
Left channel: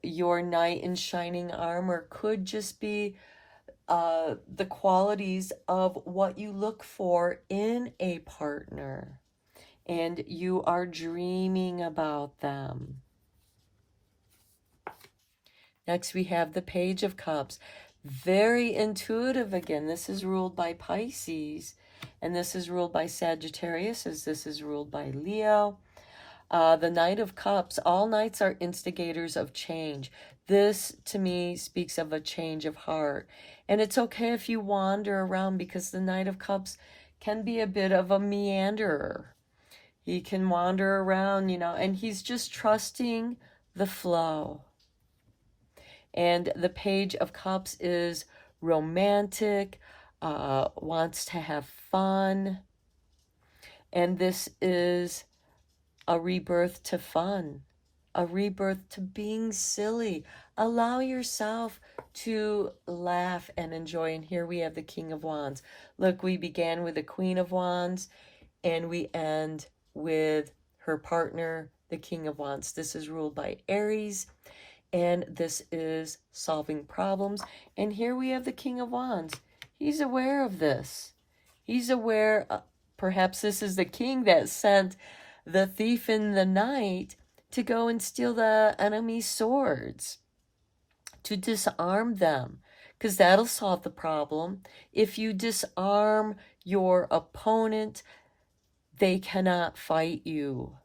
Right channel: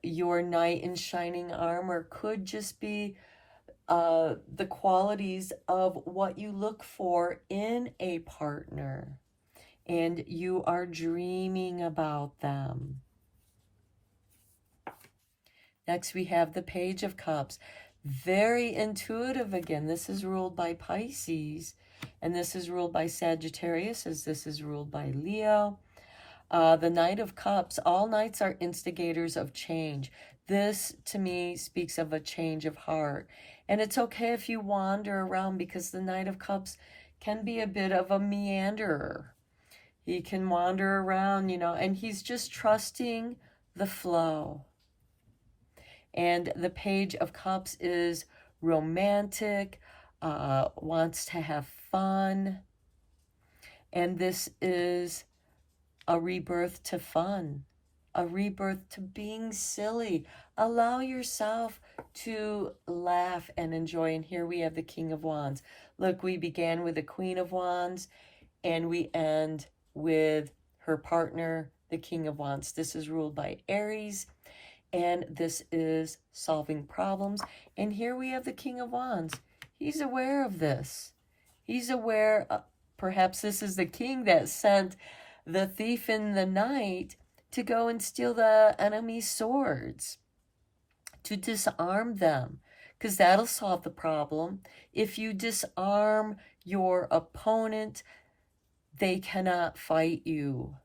Your knight in shining armor could just be the qualities of what you look for in a partner, and you are dreaming about them. Next, we have the Page of Cups. Very intuitive again. This is ruled by Pisces, and this is ruled by Sagittarius, as this is ruled by Leo. The Knight of Cups, all knights are instigators of change. This, to me, speaks of a change of heart. And it's okay if you wander around, because the Knight of Cups can be a bit of a meanderer. He can wander around, you know, and he's just trusting the flow. And the Page of Cups is romantic, wants to have fun. And this is a rebirth to fun, a rebirth to being silly. Allow yourself to laugh and enjoy. And here we have the King of Wands. Look, we began with the Queen of Wands, and we end with her partner, the King of Wands. This is ruled by Aries, and this is solving problems. And here we have the King of Wands. He's aware of this. He's aware, perhaps this is the king that sent the thief in the night to go and steal the enemy's swords, to disarm them, because that'll solve the problem. If you disarm your opponent, they cannot fight you.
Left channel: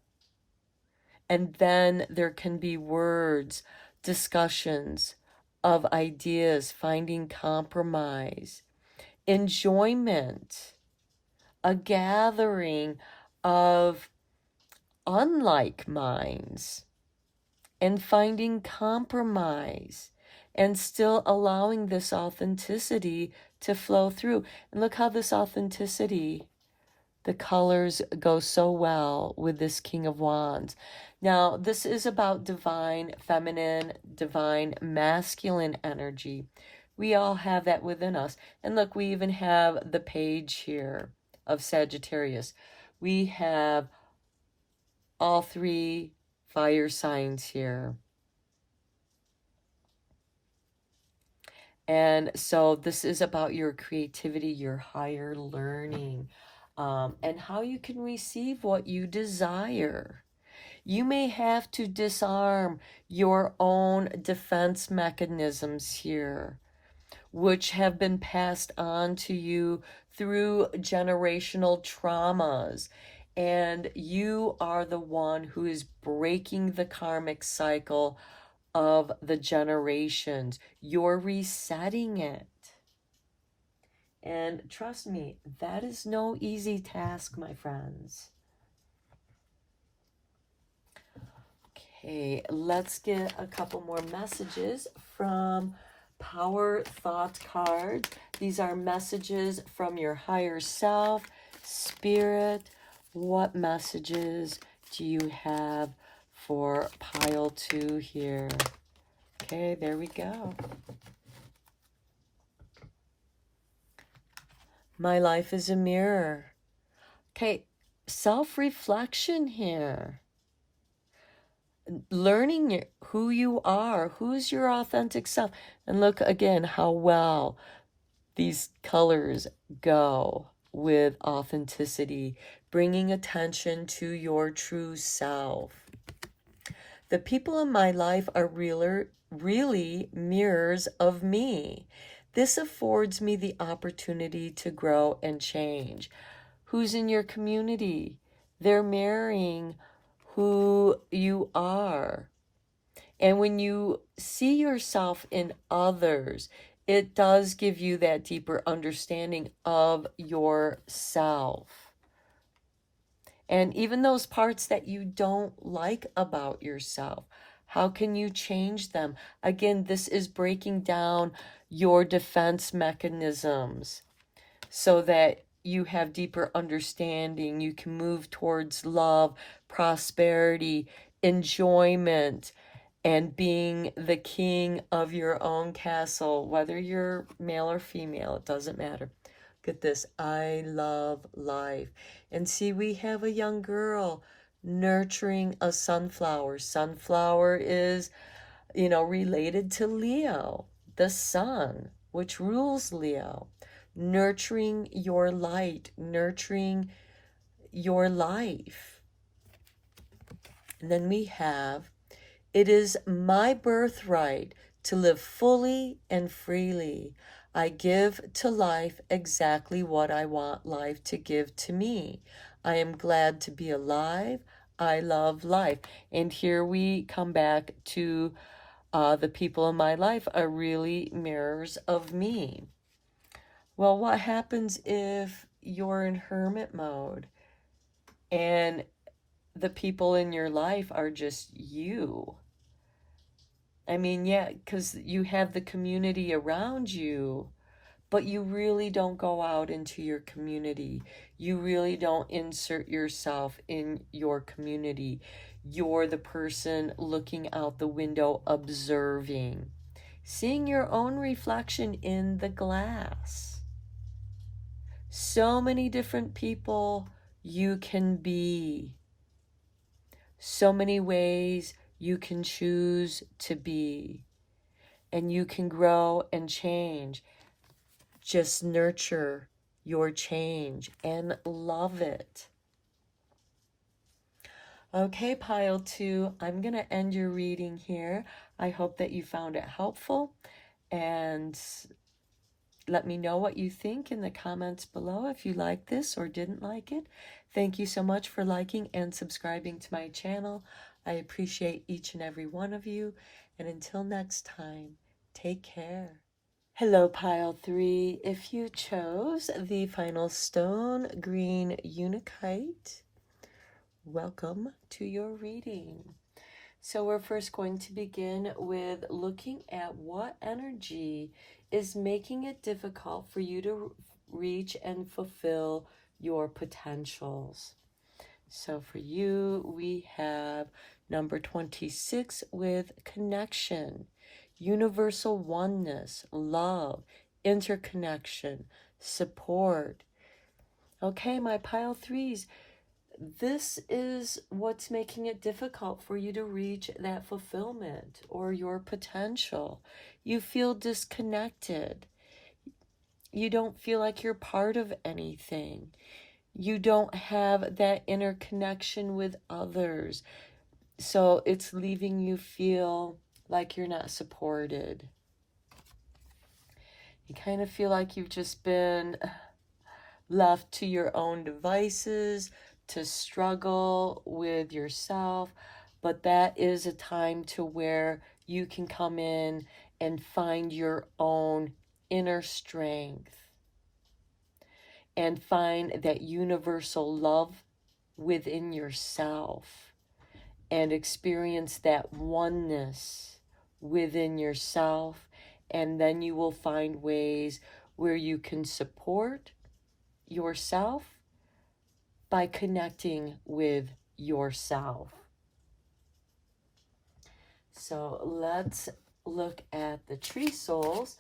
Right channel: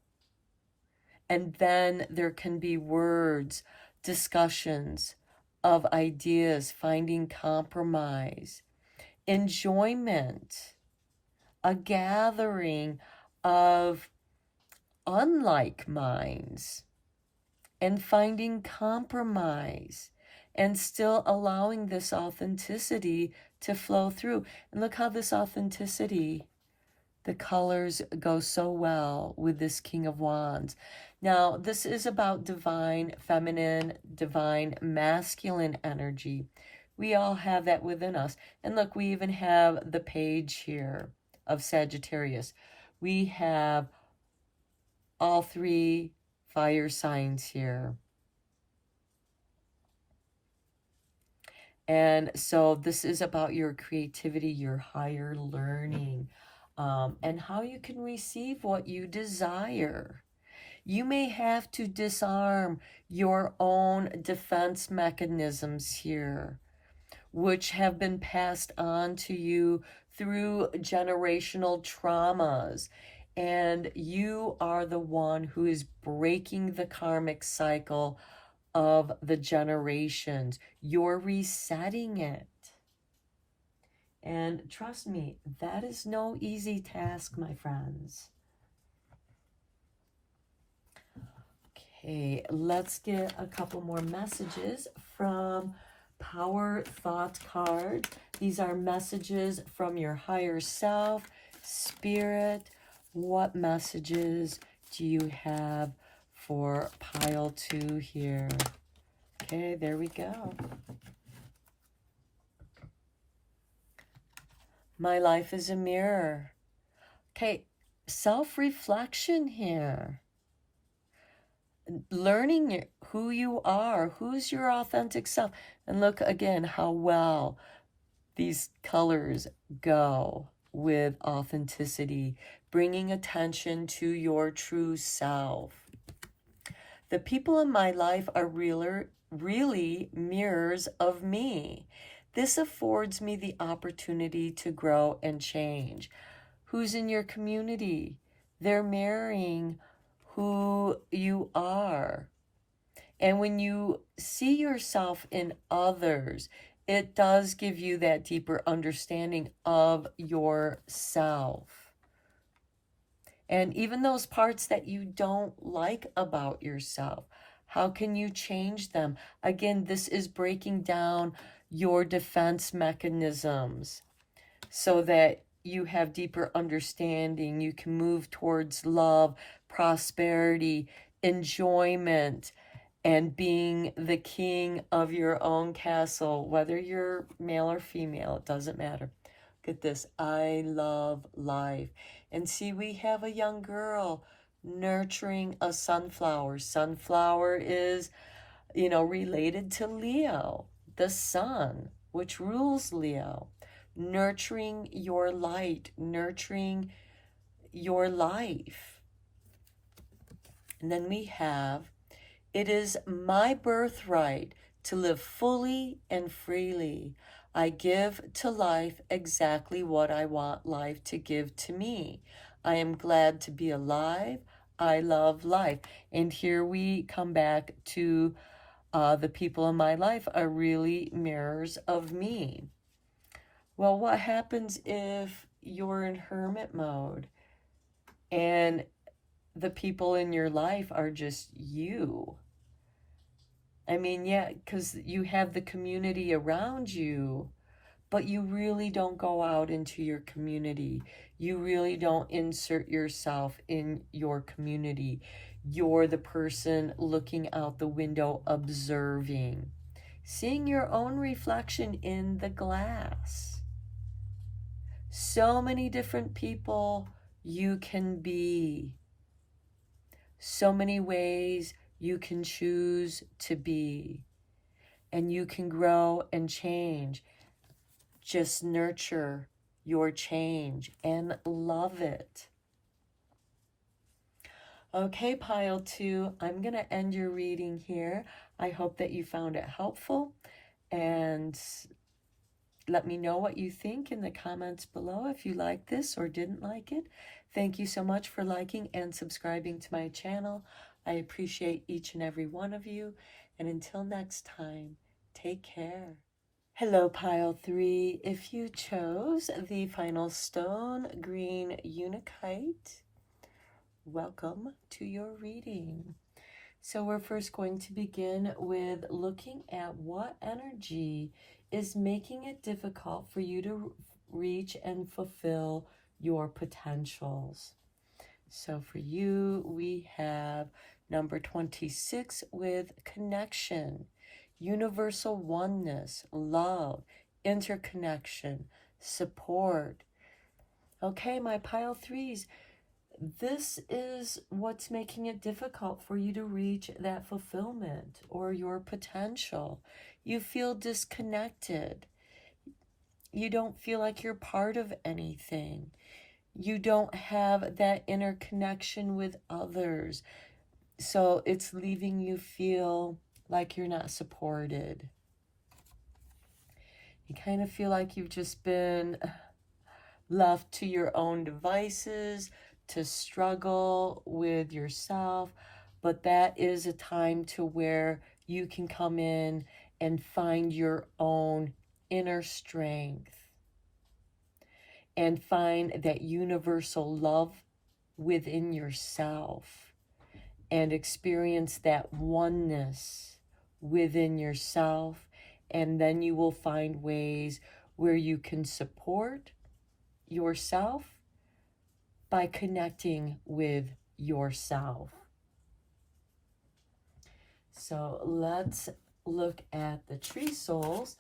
And then there can be words, discussions of ideas, finding compromise, enjoyment, a gathering of unlike minds, and finding compromise, and still allowing this authenticity to flow through. And look how this authenticity, the colors go so well with this King of Wands. Now, this is about divine feminine, divine masculine energy. We all have that within us. And look, we even have the page here of Sagittarius. We have all three fire signs here. And so this is about your creativity, your higher learning, and how you can receive what you desire. You may have to disarm your own defense mechanisms here, which have been passed on to you through generational traumas. And you are the one who is breaking the karmic cycle of the generations. You're resetting it. And trust me, that is no easy task, my friends. Okay, let's get a couple more messages from Power Thought card. These are messages from your higher self, spirit. What messages do you have for pile 2 here? Okay, there we go. My life is a mirror. Okay, self-reflection here. learning who you are, who's your authentic self. And look again how well these colors go with authenticity, bringing attention to your true self. The people in my life are really mirrors of me. This affords me the opportunity to grow and change. Who's in your community? They're mirroring who you are. And when you see yourself in others, it does give you that deeper understanding of yourself. And even those parts that you don't like about yourself, how can you change them? Again, this is breaking down your defense mechanisms so that you have deeper understanding. You can move towards love, prosperity, enjoyment, and being the king of your own castle, whether you're male or female, it doesn't matter. Look at this. I love life. And see, we have a young girl nurturing a sunflower. Sunflower is, related to Leo, the sun, which rules Leo. Nurturing your light, nurturing your life. And then we have, it is my birthright to live fully and freely. I give to life exactly what I want life to give to me. I am glad to be alive. I love life. And here we come back to the people in my life are really mirrors of me. Well, what happens if you're in hermit mode and the people in your life are just you? I mean, yeah, because you have the community around you, but you really don't go out into your community. You really don't insert yourself in your community. You're the person looking out the window, observing, seeing your own reflection in the glass. So many different people you can be. So many ways you can choose to be. And you can grow and change. Just nurture your change and love it. Okay, pile 2, I'm going to end your reading here. I hope that you found it helpful, and let me know what you think in the comments below if you like this or didn't like it. Thank you so much for liking and subscribing to my channel. I appreciate each and every one of you, and until next time, take care. Hello, pile 3. If you chose the final stone, green Unakite, welcome to your reading. So we're first going to begin with looking at what energy is making it difficult for you to reach and fulfill your potentials. So for you, we have number 26 with connection, universal oneness, love, interconnection, support. Okay, my pile 3s, this is what's making it difficult for you to reach that fulfillment or your potential. You feel disconnected. You don't feel like you're part of anything. You don't have that inner connection with others. So it's leaving you feel like you're not supported. You kind of feel like you've just been left to your own devices to struggle with yourself. But that is a time to where you can come in and find your own inner strength and find that universal love within yourself and experience that oneness within yourself. And then you will find ways where you can support yourself by connecting with yourself. So let's look at the tree souls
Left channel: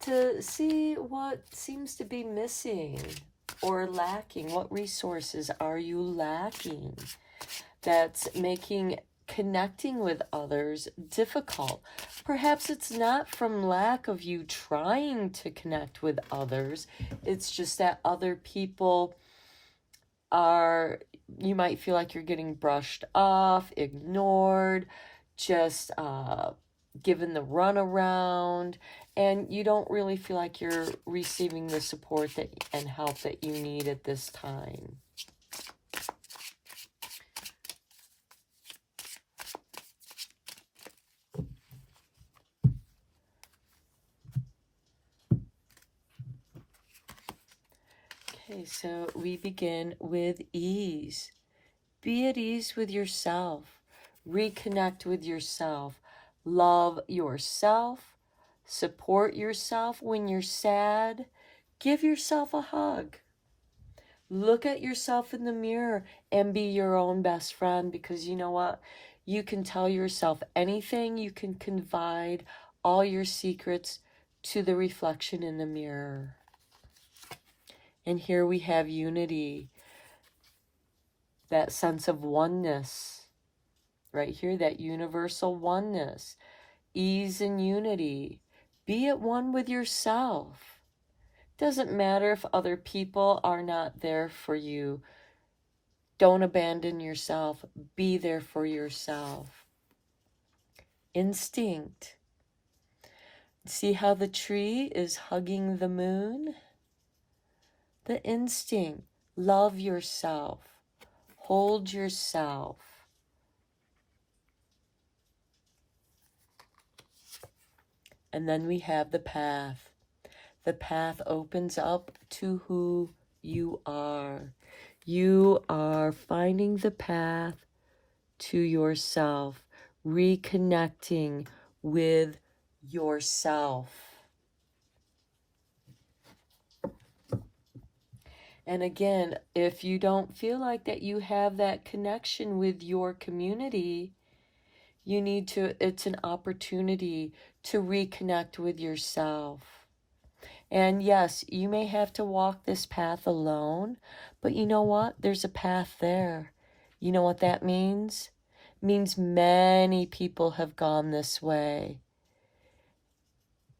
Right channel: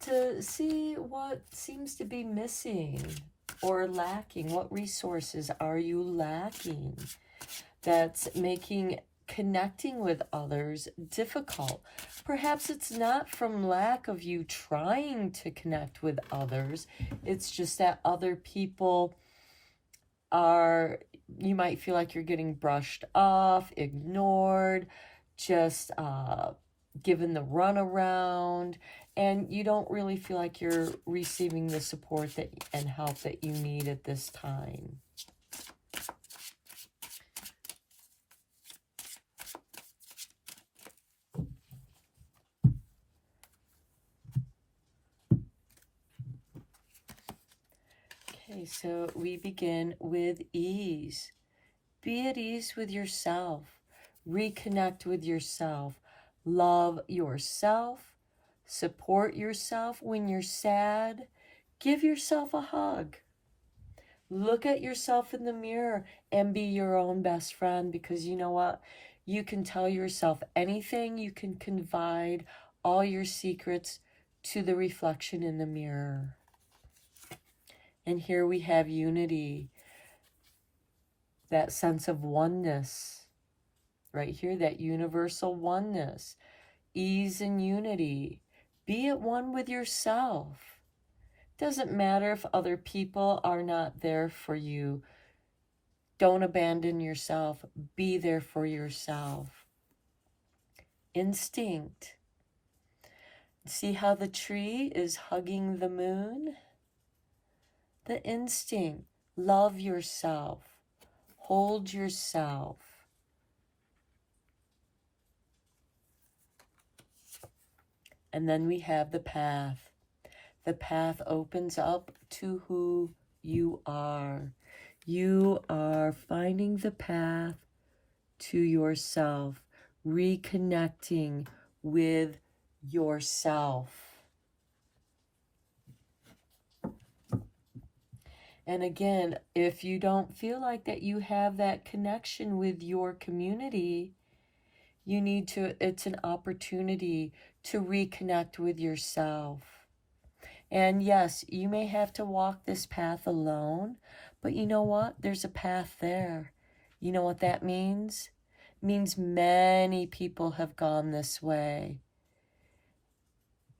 to see what seems to be missing or lacking. What resources are you lacking that's making connecting with others difficult. Perhaps it's not from lack of you trying to connect with others. It's just that other people are, you might feel like you're getting brushed off, ignored, just given the runaround, and you don't really feel like you're receiving the support that and help that you need at this time. Okay, so we begin with ease. Be at ease with yourself. Reconnect with yourself. Love yourself. Support yourself when you're sad. Give yourself a hug. Look at yourself in the mirror and be your own best friend, because you know what? You can tell yourself anything. You can confide all your secrets to the reflection in the mirror. And here we have unity, that sense of oneness, right here, that universal oneness, ease and unity. Be at one with yourself. Doesn't matter if other people are not there for you. Don't abandon yourself. Be there for yourself. Instinct. See how the tree is hugging the moon? The instinct. Love yourself. Hold yourself. And then we have the path. The path opens up to who you are. You are finding the path to yourself, reconnecting with yourself. And again, if you don't feel like that you have that connection with your community, you need to, it's an opportunity to reconnect with yourself. And yes, you may have to walk this path alone, but you know what? There's a path there. You know what that means? It means many people have gone this way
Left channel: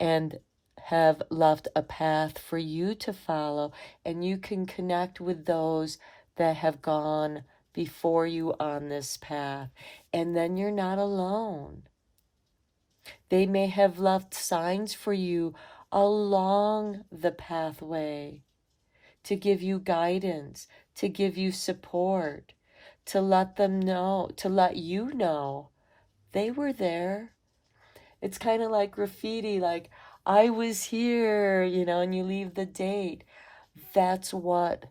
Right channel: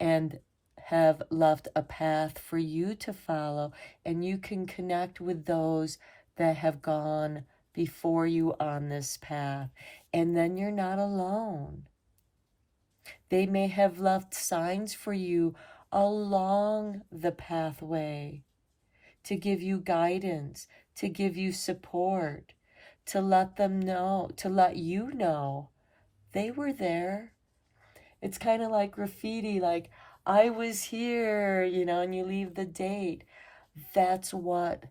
and have left a path for you to follow, and you can connect with those that have gone before you on this path, and then you're not alone. They may have left signs for you along the pathway to give you guidance, to give you support, to let them know, to let you know they were there. It's kind of like graffiti, like, I was here, you know, and you leave the date. That's what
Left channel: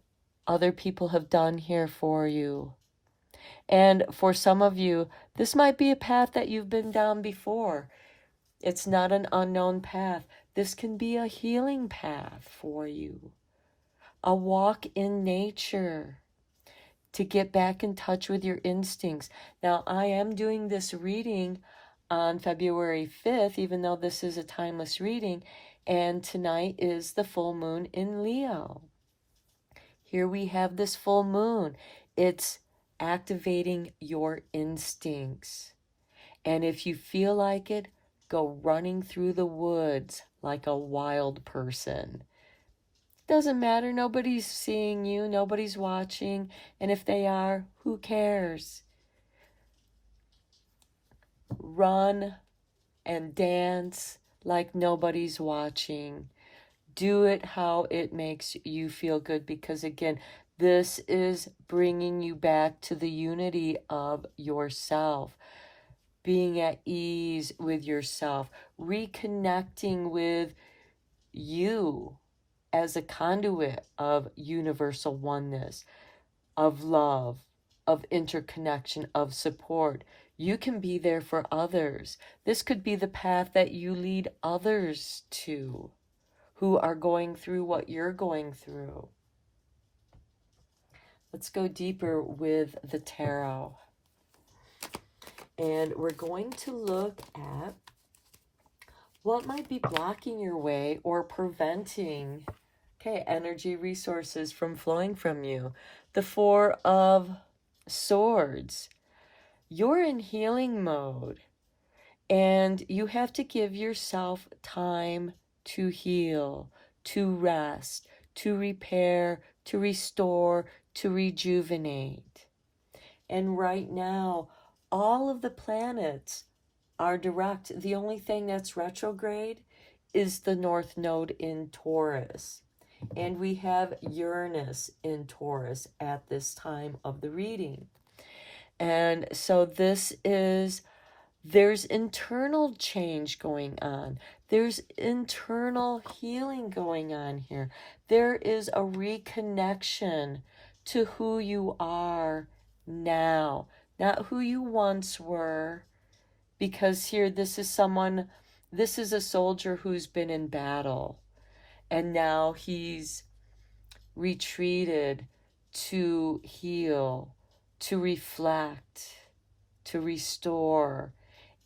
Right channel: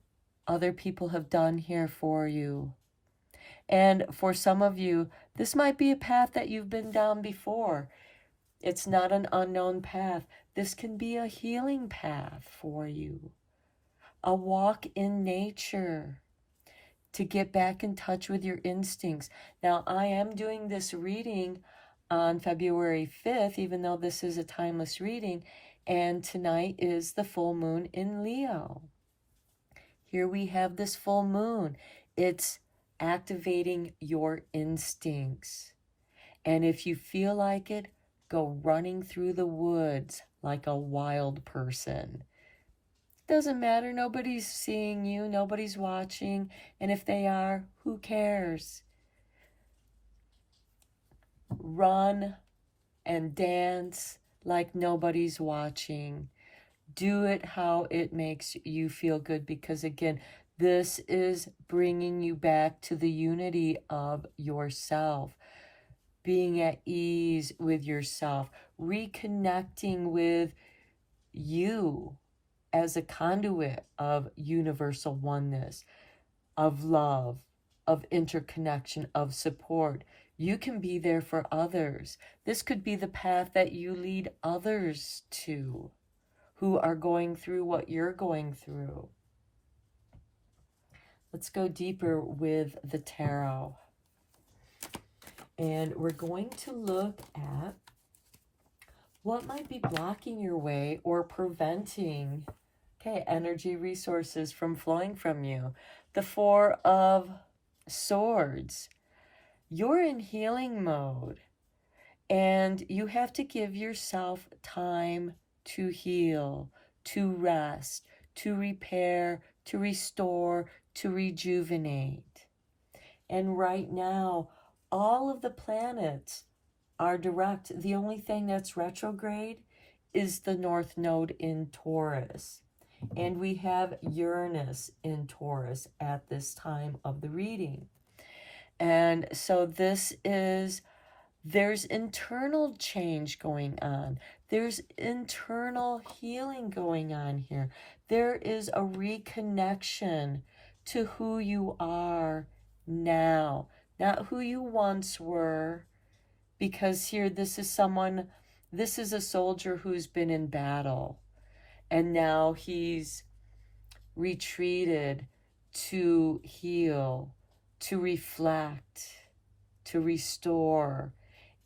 other people have done here for you. And for some of you, this might be a path that you've been down before. It's not an unknown path. This can be a healing path for you. A walk in nature to get back in touch with your instincts. Now, I am doing this reading on February 5th, even though this is a timeless reading, and tonight is the full moon in Leo. Here we have this full moon. It's activating your instincts. And if you feel like it, go running through the woods like a wild person. Doesn't matter, nobody's seeing you, nobody's watching, and if they are, who cares? Run and dance like nobody's watching. Do it how it makes you feel good, because again, this is bringing you back to the unity of yourself, being at ease with yourself, reconnecting with you as a conduit of universal oneness, of love, of interconnection, of support. You can be there for others. This could be the path that you lead others to who are going through what you're going through. Let's go deeper with the tarot. And we're going to look at what might be blocking your way or preventing, okay, energy resources from flowing from you. The Four of Swords. you're in healing mode, and you have to give yourself time to heal, to rest, to repair, to restore, to rejuvenate. And right now, all of the planets are direct. The only thing that's retrograde is the North Node in Taurus. And we have Uranus in Taurus at this time of the reading. And so there's internal change going on. There's internal healing going on here. There is a reconnection to who you are now, not who you once were. Because here, this is a soldier who's been in battle, and now he's retreated to heal, to reflect, to restore,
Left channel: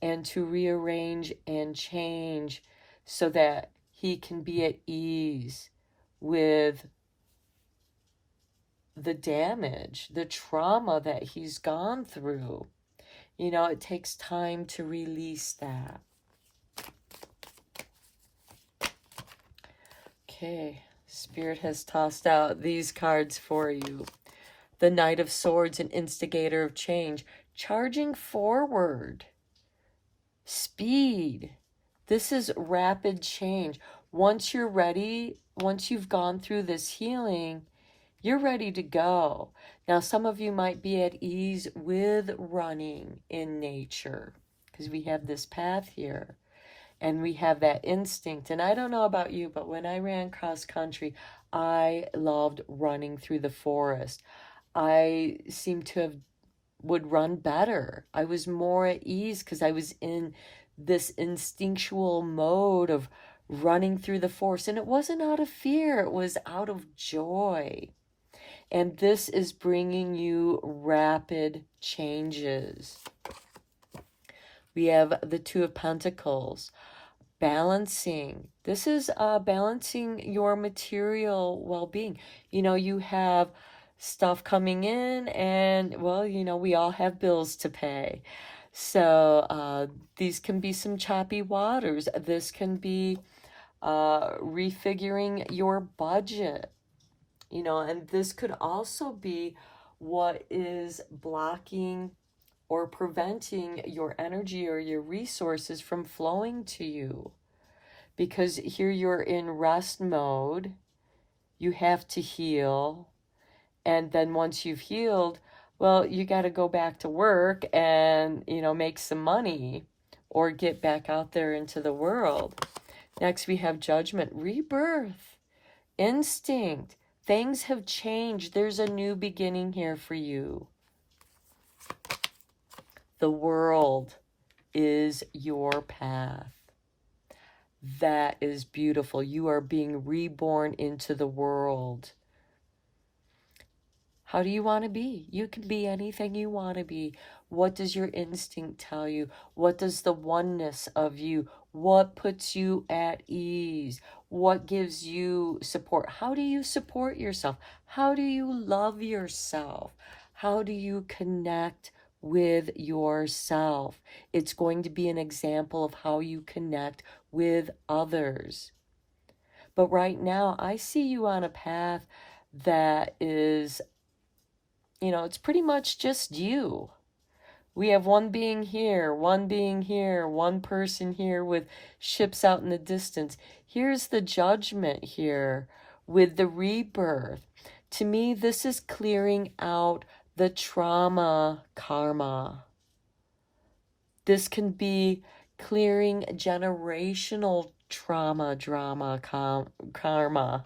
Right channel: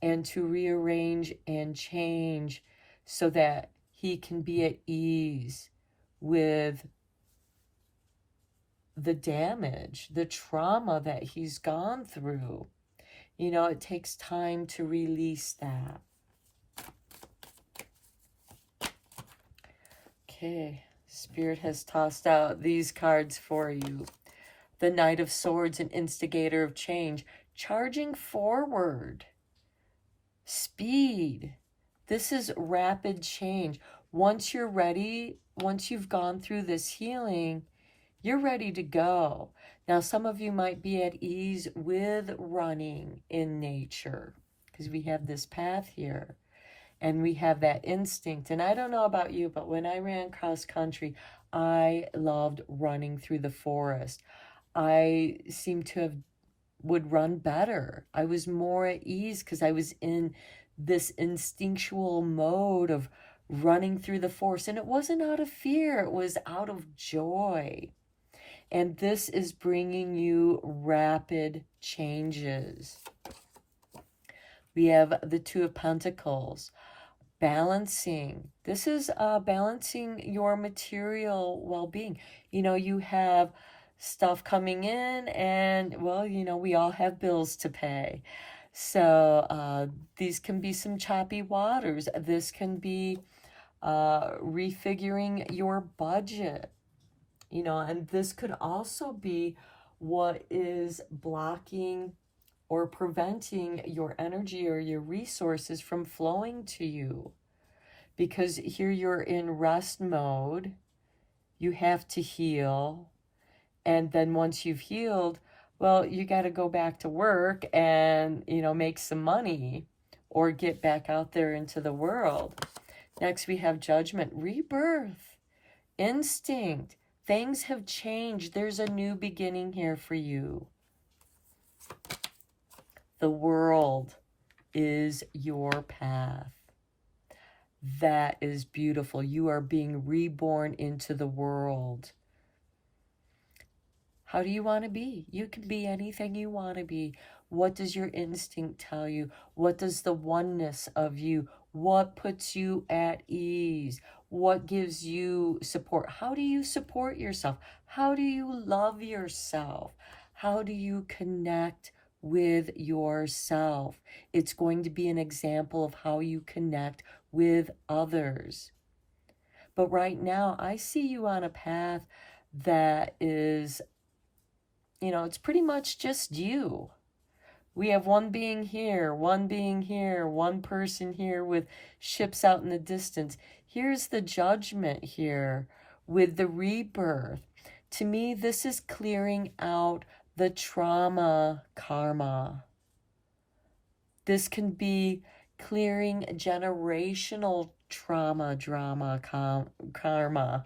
and to rearrange and change so that he can be at ease with the damage, the trauma that he's gone through. You know, it takes time to release that. Okay, Spirit has tossed out these cards for you. The Knight of Swords, an instigator of change, charging forward. Speed. This is rapid change. Once you're ready, once you've gone through this healing, you're ready to go. Now, some of you might be at ease with running in nature because we have this path here and we have that instinct. And I don't know about you, but when I ran cross country, I loved running through the forest. I seemed to have would run better. I was more at ease because I was in this instinctual mode of running through the forest. And it wasn't out of fear, it was out of joy. And this is bringing you rapid changes. We have the Two of Pentacles, balancing. This is balancing your material well-being. You know, you have stuff coming in, and well, you know, we all have bills to pay. So these can be some choppy waters. This can be refiguring your budget, you know, and this could also be what is blocking or preventing your energy or your resources from flowing to you. Because here you're in rest mode, you have to heal. And then once you've healed, well, you got to go back to work and, you know, make some money or get back out there into the world. Next, we have Judgment, rebirth, instinct. Things have changed. There's a new beginning here for you. The world is your path. That is beautiful. You are being reborn into the world. How do you want to be? You can be anything you want to be. What does your instinct tell you? What does the oneness of you? What puts you at ease? What gives you support? How do you support yourself? How do you love yourself? How do you connect with yourself? It's going to be an example of how you connect with others. But right now, I see you on a path that is, you know, it's pretty much just you. We have one being here, one being here, one person here with ships out in the distance. Here's the Judgment here with the rebirth. To me, this is clearing out the trauma karma. This can be clearing generational trauma, karma.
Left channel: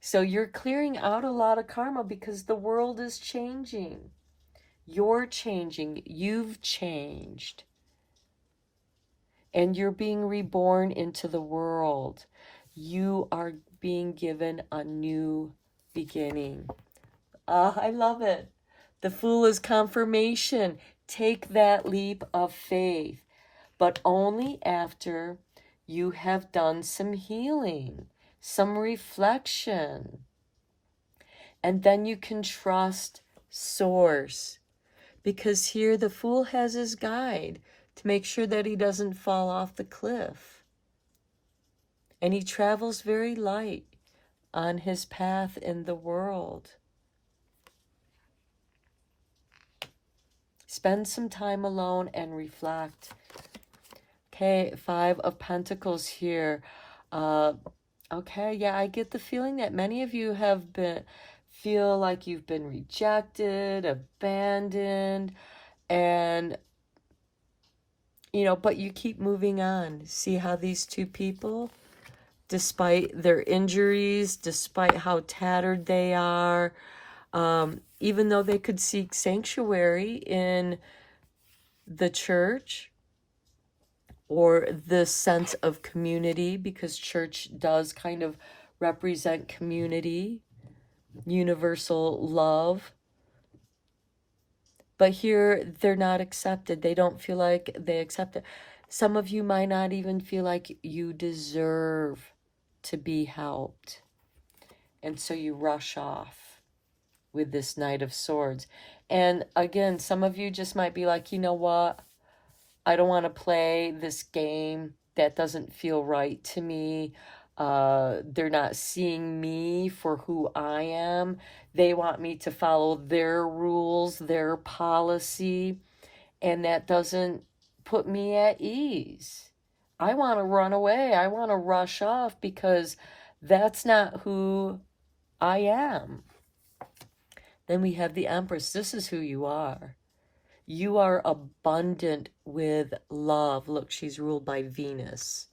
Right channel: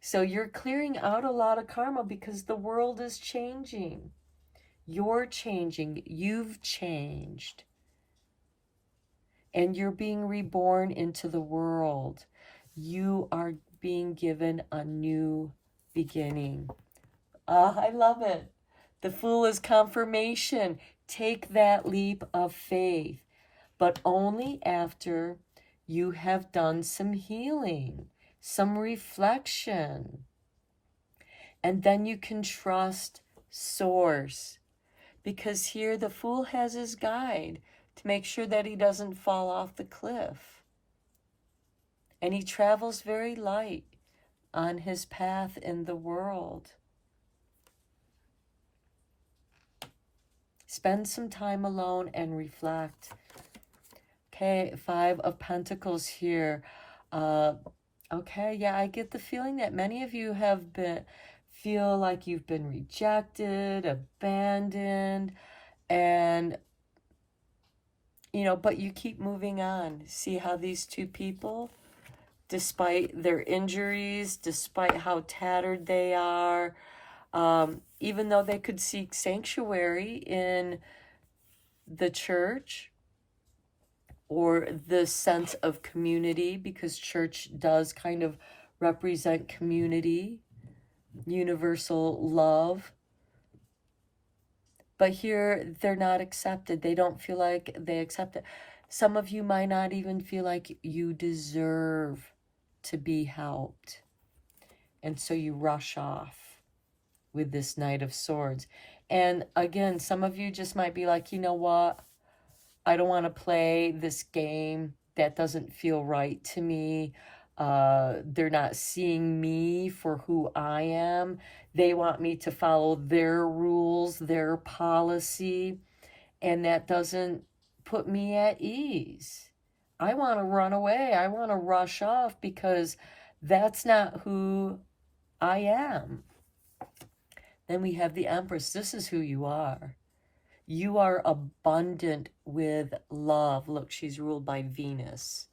So you're clearing out a lot of karma because the world is changing. You're changing. You've changed. And you're being reborn into the world. You are being given a new beginning. Ah, I love it. The Fool is confirmation. Take that leap of faith, but only after you have done some healing, some reflection. And then you can trust Source. because here the Fool has his guide to make sure that he doesn't fall off the cliff. And he travels very light on his path in the world. Spend some time alone and reflect. Okay, 5 of Pentacles here. Okay, yeah, I get the feeling that many of you feel like you've been rejected, abandoned, and, you know, but you keep moving on. See how these two people, despite their injuries, despite how tattered they are, even though they could seek sanctuary in the church or the sense of community, because church does kind of represent community, universal love. But here they're not accepted. They don't feel like they accept it. Some of you might not even feel like you deserve to be helped. And so you rush off with this Knight of Swords. And again, some of you just might be like, you know what? I don't want to play this game. That doesn't feel right to me. They're not seeing me for who I am. They want me to follow their rules, their policy, and that doesn't put me at ease. I want to run away. I want to rush off because that's not who I am. Then we have the Empress. This is who you are. You are abundant with love. Look, she's ruled by Venus.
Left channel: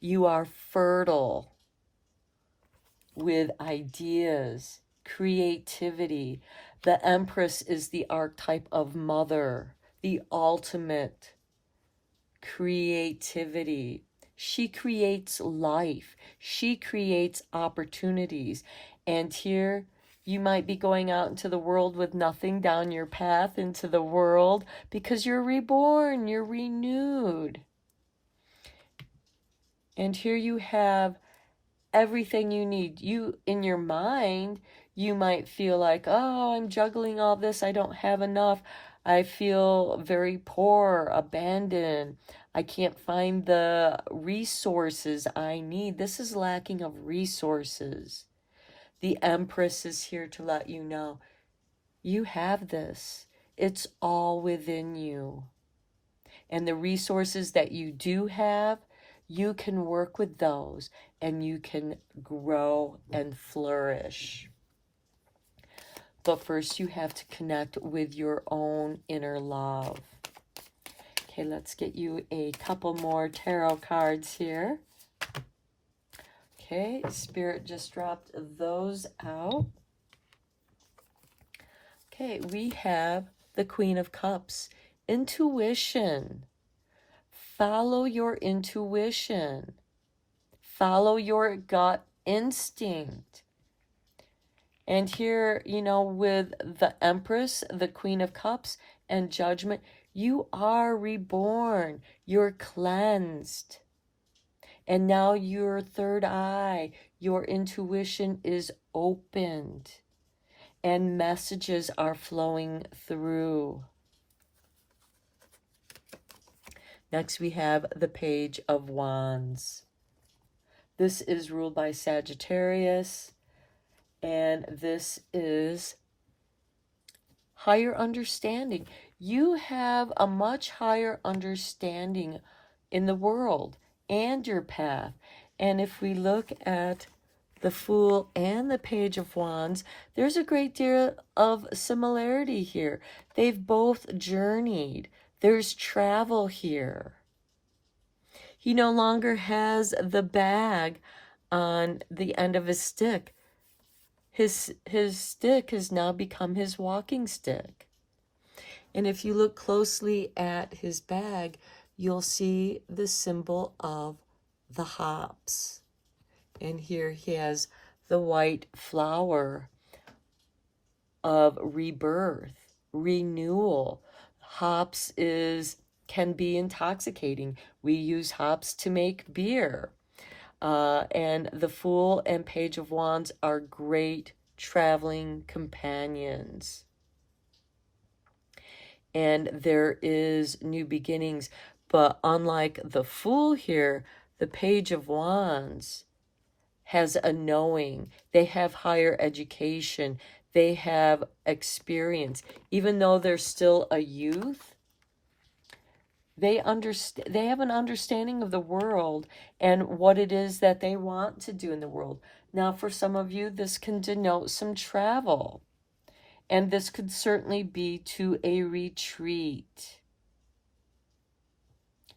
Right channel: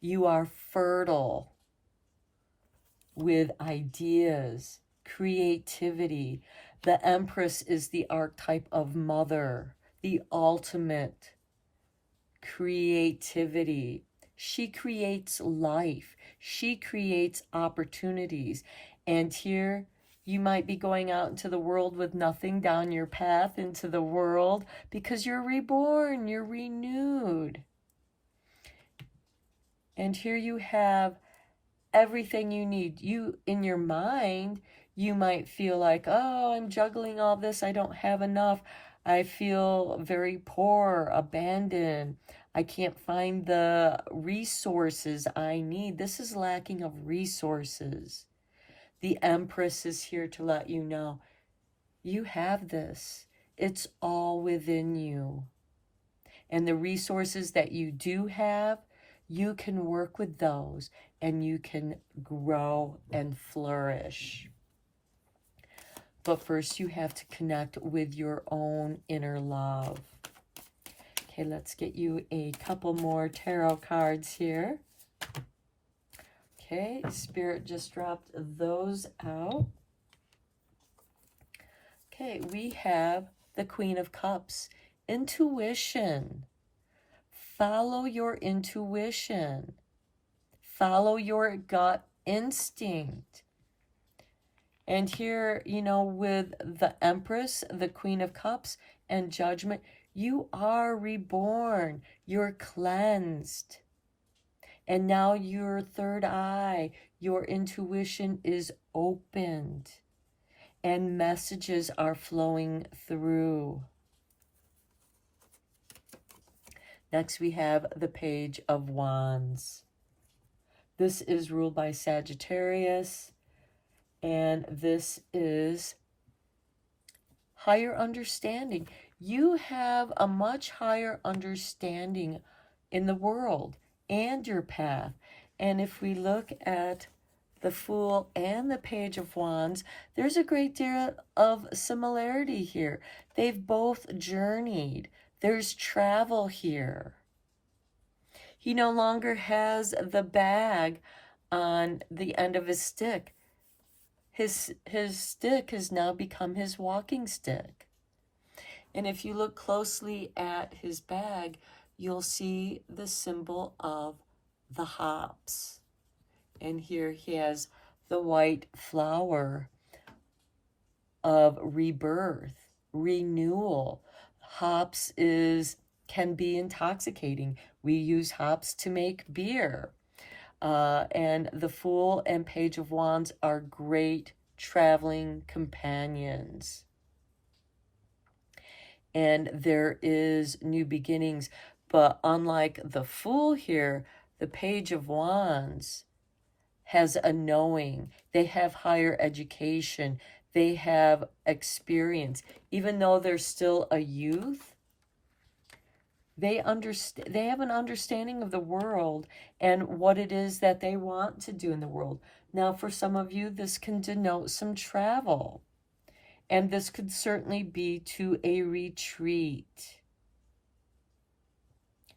You are fertile with ideas, creativity. The Empress is the archetype of mother, the ultimate creativity. She creates life. She creates opportunities. And here you might be going out into the world with nothing down your path into the world because you're reborn, you're renewed. And here you have everything you need. You, in your mind, you might feel like, oh, I'm juggling all this. I don't have enough. I feel very poor, abandoned. I can't find the resources I need. This is lacking of resources. The Empress is here to let you know, you have this. It's all within you. And the resources that you do have, you can work with those and you can grow and flourish. But first you have to connect with your own inner love. Okay, let's get you a couple more tarot cards here. Okay, Spirit just dropped those out. Okay, we have the Queen of Cups. Intuition. Follow your intuition. Follow your gut instinct. And here, you know, with the Empress, the Queen of Cups, and Judgment, you are reborn. You're cleansed. And now your third eye, your intuition is opened. And messages are flowing through. Next we have the Page of Wands. This is ruled by Sagittarius. And this is higher understanding. You have a much higher understanding in the world and your path. And if we look at the Fool and the Page of Wands, there's a great deal of similarity here. They've both journeyed. There's travel here. He no longer has the bag on the end of his stick. His stick has now become his walking stick. And if you look closely at his bag, you'll see the symbol of the hops. And here he has the white flower of rebirth, renewal. Hops can be intoxicating. We use hops to make beer. And the Fool and Page of Wands are great traveling companions. and there is new beginnings. But unlike the Fool here, the Page of Wands has a knowing. They have higher education. They have experience. Even though they're still a youth, they have an understanding of the world and what it is that they want to do in the world. Now, for some of you, this can denote some travel. And this could certainly be to a retreat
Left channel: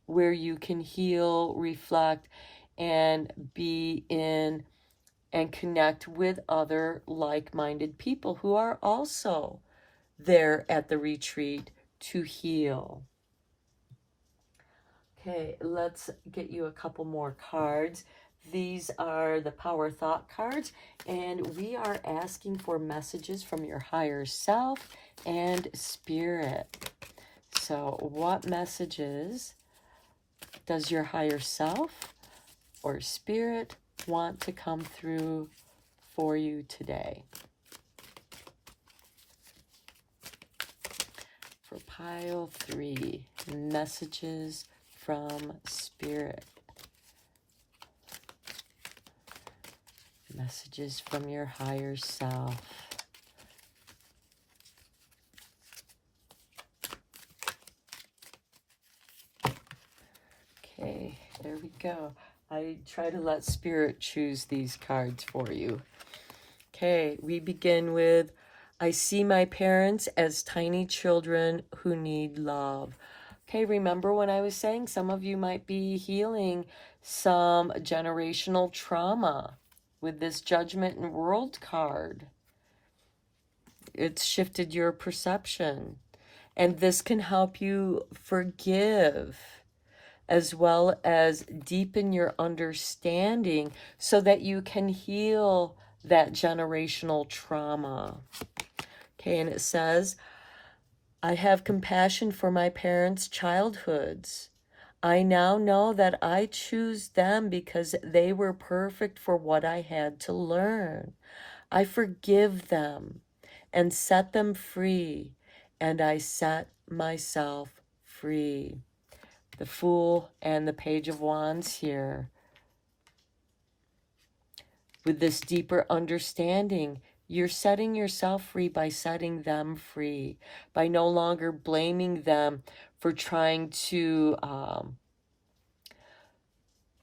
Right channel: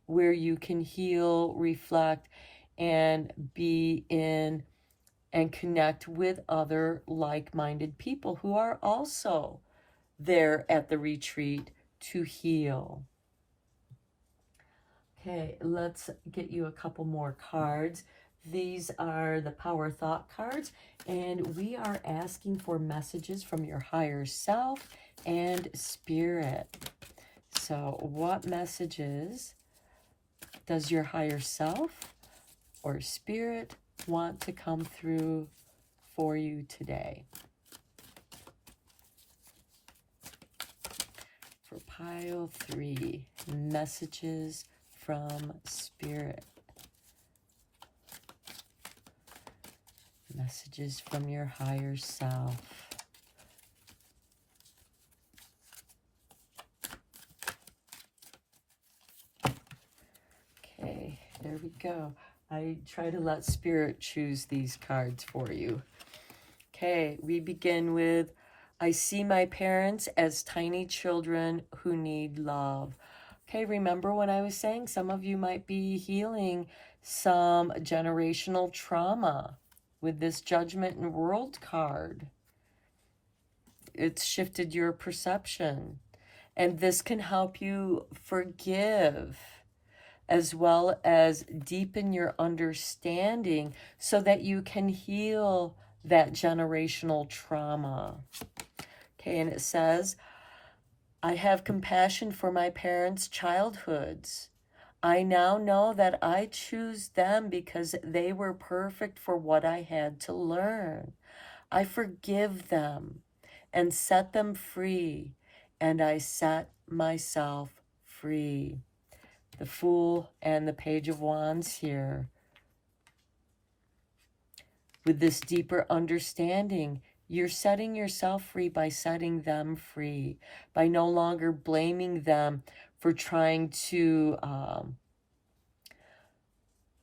where you can heal, reflect, and be in and connect with other like-minded people who are also there at the retreat to heal. Okay, let's get you a couple more cards. These are the Power Thought cards, and we are asking for messages from your higher self and spirit. So what messages does your higher self or spirit want to come through for you today? For pile 3, messages from spirit. Messages from your higher self. Okay, there we go. I try to let spirit choose these cards for you. Okay, we begin with, I see my parents as tiny children who need love. Okay, remember when I was saying some of you might be healing some generational trauma with this Judgment and World card. It's shifted your perception. And this can help you forgive as well as deepen your understanding so that you can heal that generational trauma. Okay, and it says, I have compassion for my parents' childhoods. I now know that I choose them because they were perfect for what I had to learn. I forgive them and set them free, and I set myself free. The Fool and the Page of Wands here. With this deeper understanding, you're setting yourself free by setting them free, by no longer blaming them for trying to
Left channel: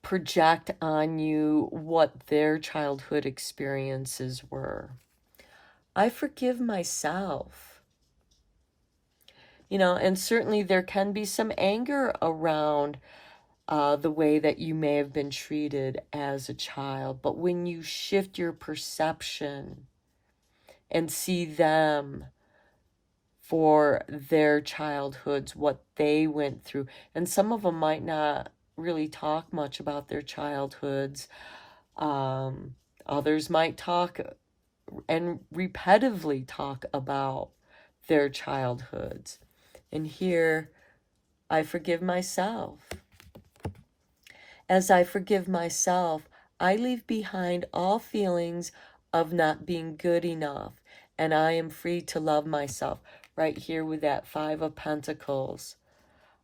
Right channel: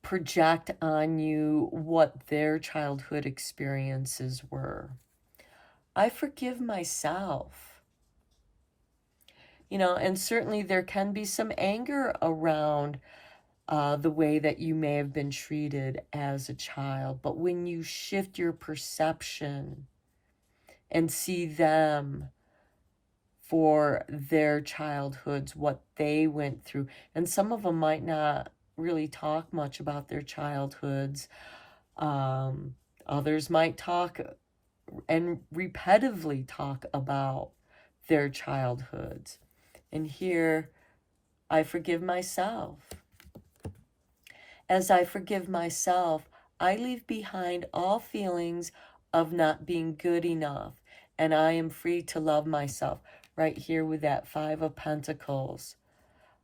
project on you what their childhood experiences were. I forgive myself. You know, and certainly there can be some anger around the way that you may have been treated as a child. But when you shift your perception and see them for their childhoods, what they went through, and some of them might not really talk much about their childhoods. Others might talk and repetitively talk about their childhoods. And here, I forgive myself. As I forgive myself, I leave behind all feelings of not being good enough, and I am free to love myself. Right here with that 5 of Pentacles.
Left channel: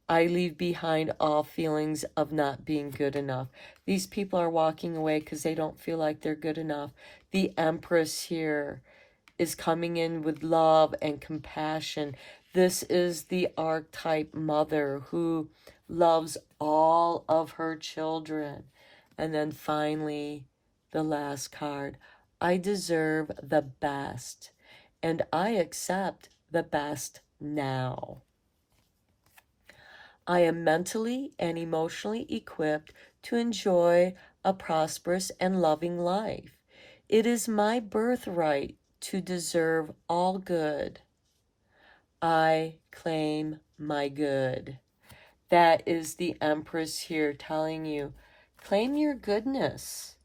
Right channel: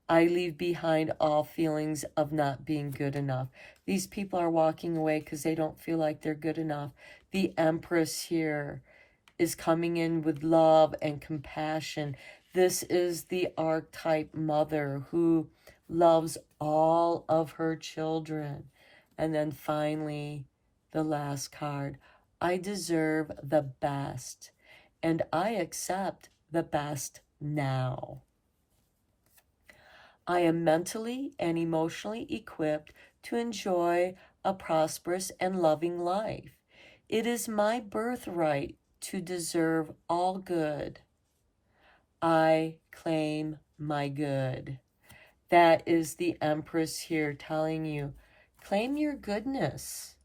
I leave behind all feelings of not being good enough. These people are walking away because they don't feel like they're good enough. The Empress here is coming in with love and compassion. This is the archetype mother who loves all of her children. And then finally, the last card. I deserve the best, and I accept the best now. I am mentally and emotionally equipped to enjoy a prosperous and loving life. It is my birthright to deserve all good. I claim my good. That is the Empress here telling you, claim your goodness.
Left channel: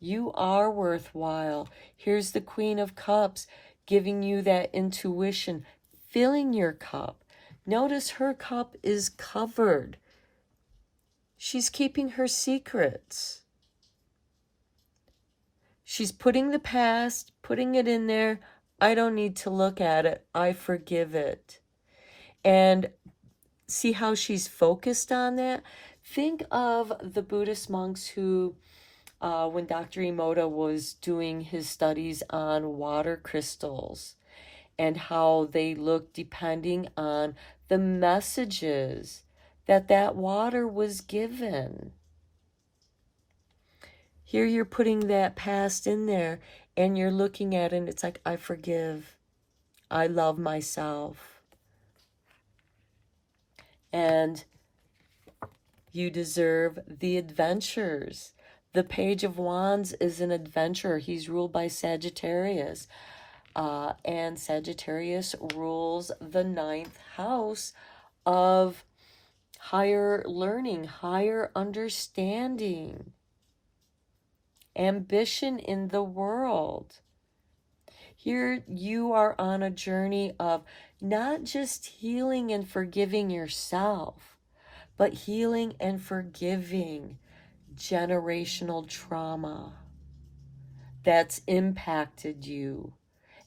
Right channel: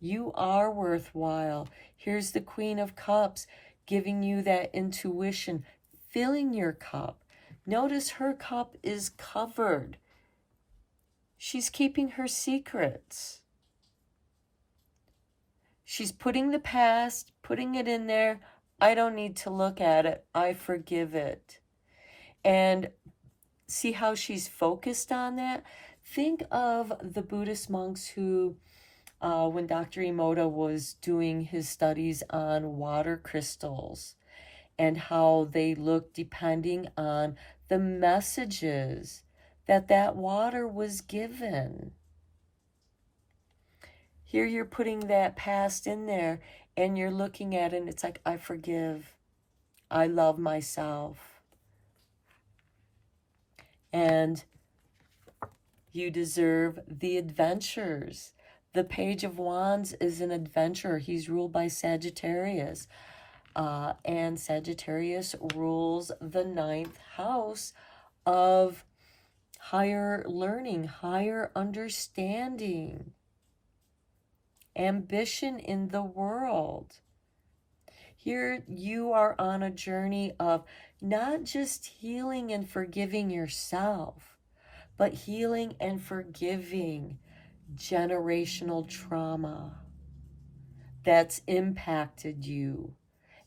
You are worthwhile. Here's the Queen of Cups giving you that intuition, filling your cup. Notice her cup is covered. She's keeping her secrets. She's putting the past, putting it in there. I don't need to look at it. I forgive it. And see how she's focused on that? Think of the Buddhist monks who, when Dr. Emoto was doing his studies on water crystals and how they look depending on the messages that that water was given. Here you're putting that past in there and you're looking at it and it's like, I forgive. I love myself. And you deserve the adventures. The Page of Wands is an adventurer. He's ruled by Sagittarius. And Sagittarius rules the 9th house of higher learning, higher understanding, ambition in the world. Here you are on a journey of not just healing and forgiving yourself, but healing and forgiving generational trauma that's impacted you.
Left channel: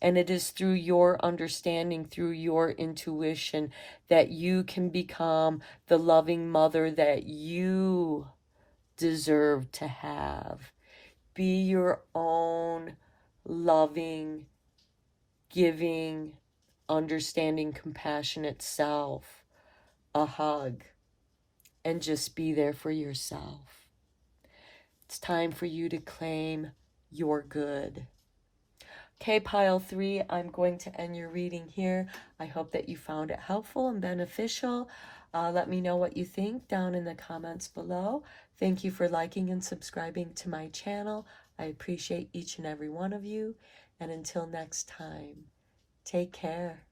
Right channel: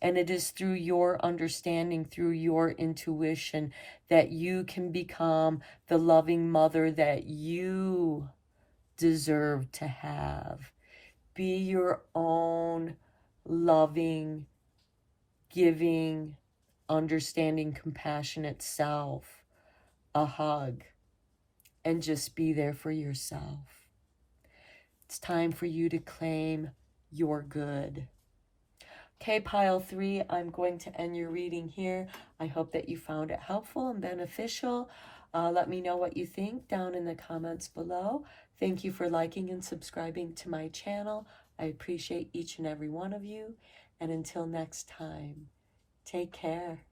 And it is through your understanding, through your intuition, that you can become the loving mother that you deserve to have. Be your own loving, giving, understanding, compassionate self. A hug. And just be there for yourself. It's time for you to claim your good. Okay, pile 3, I'm going to end your reading here. I hope that you found it helpful and beneficial. Let me know what you think down in the comments below. Thank you for liking and subscribing to my channel. I appreciate each and every one of you. And until next time, take care.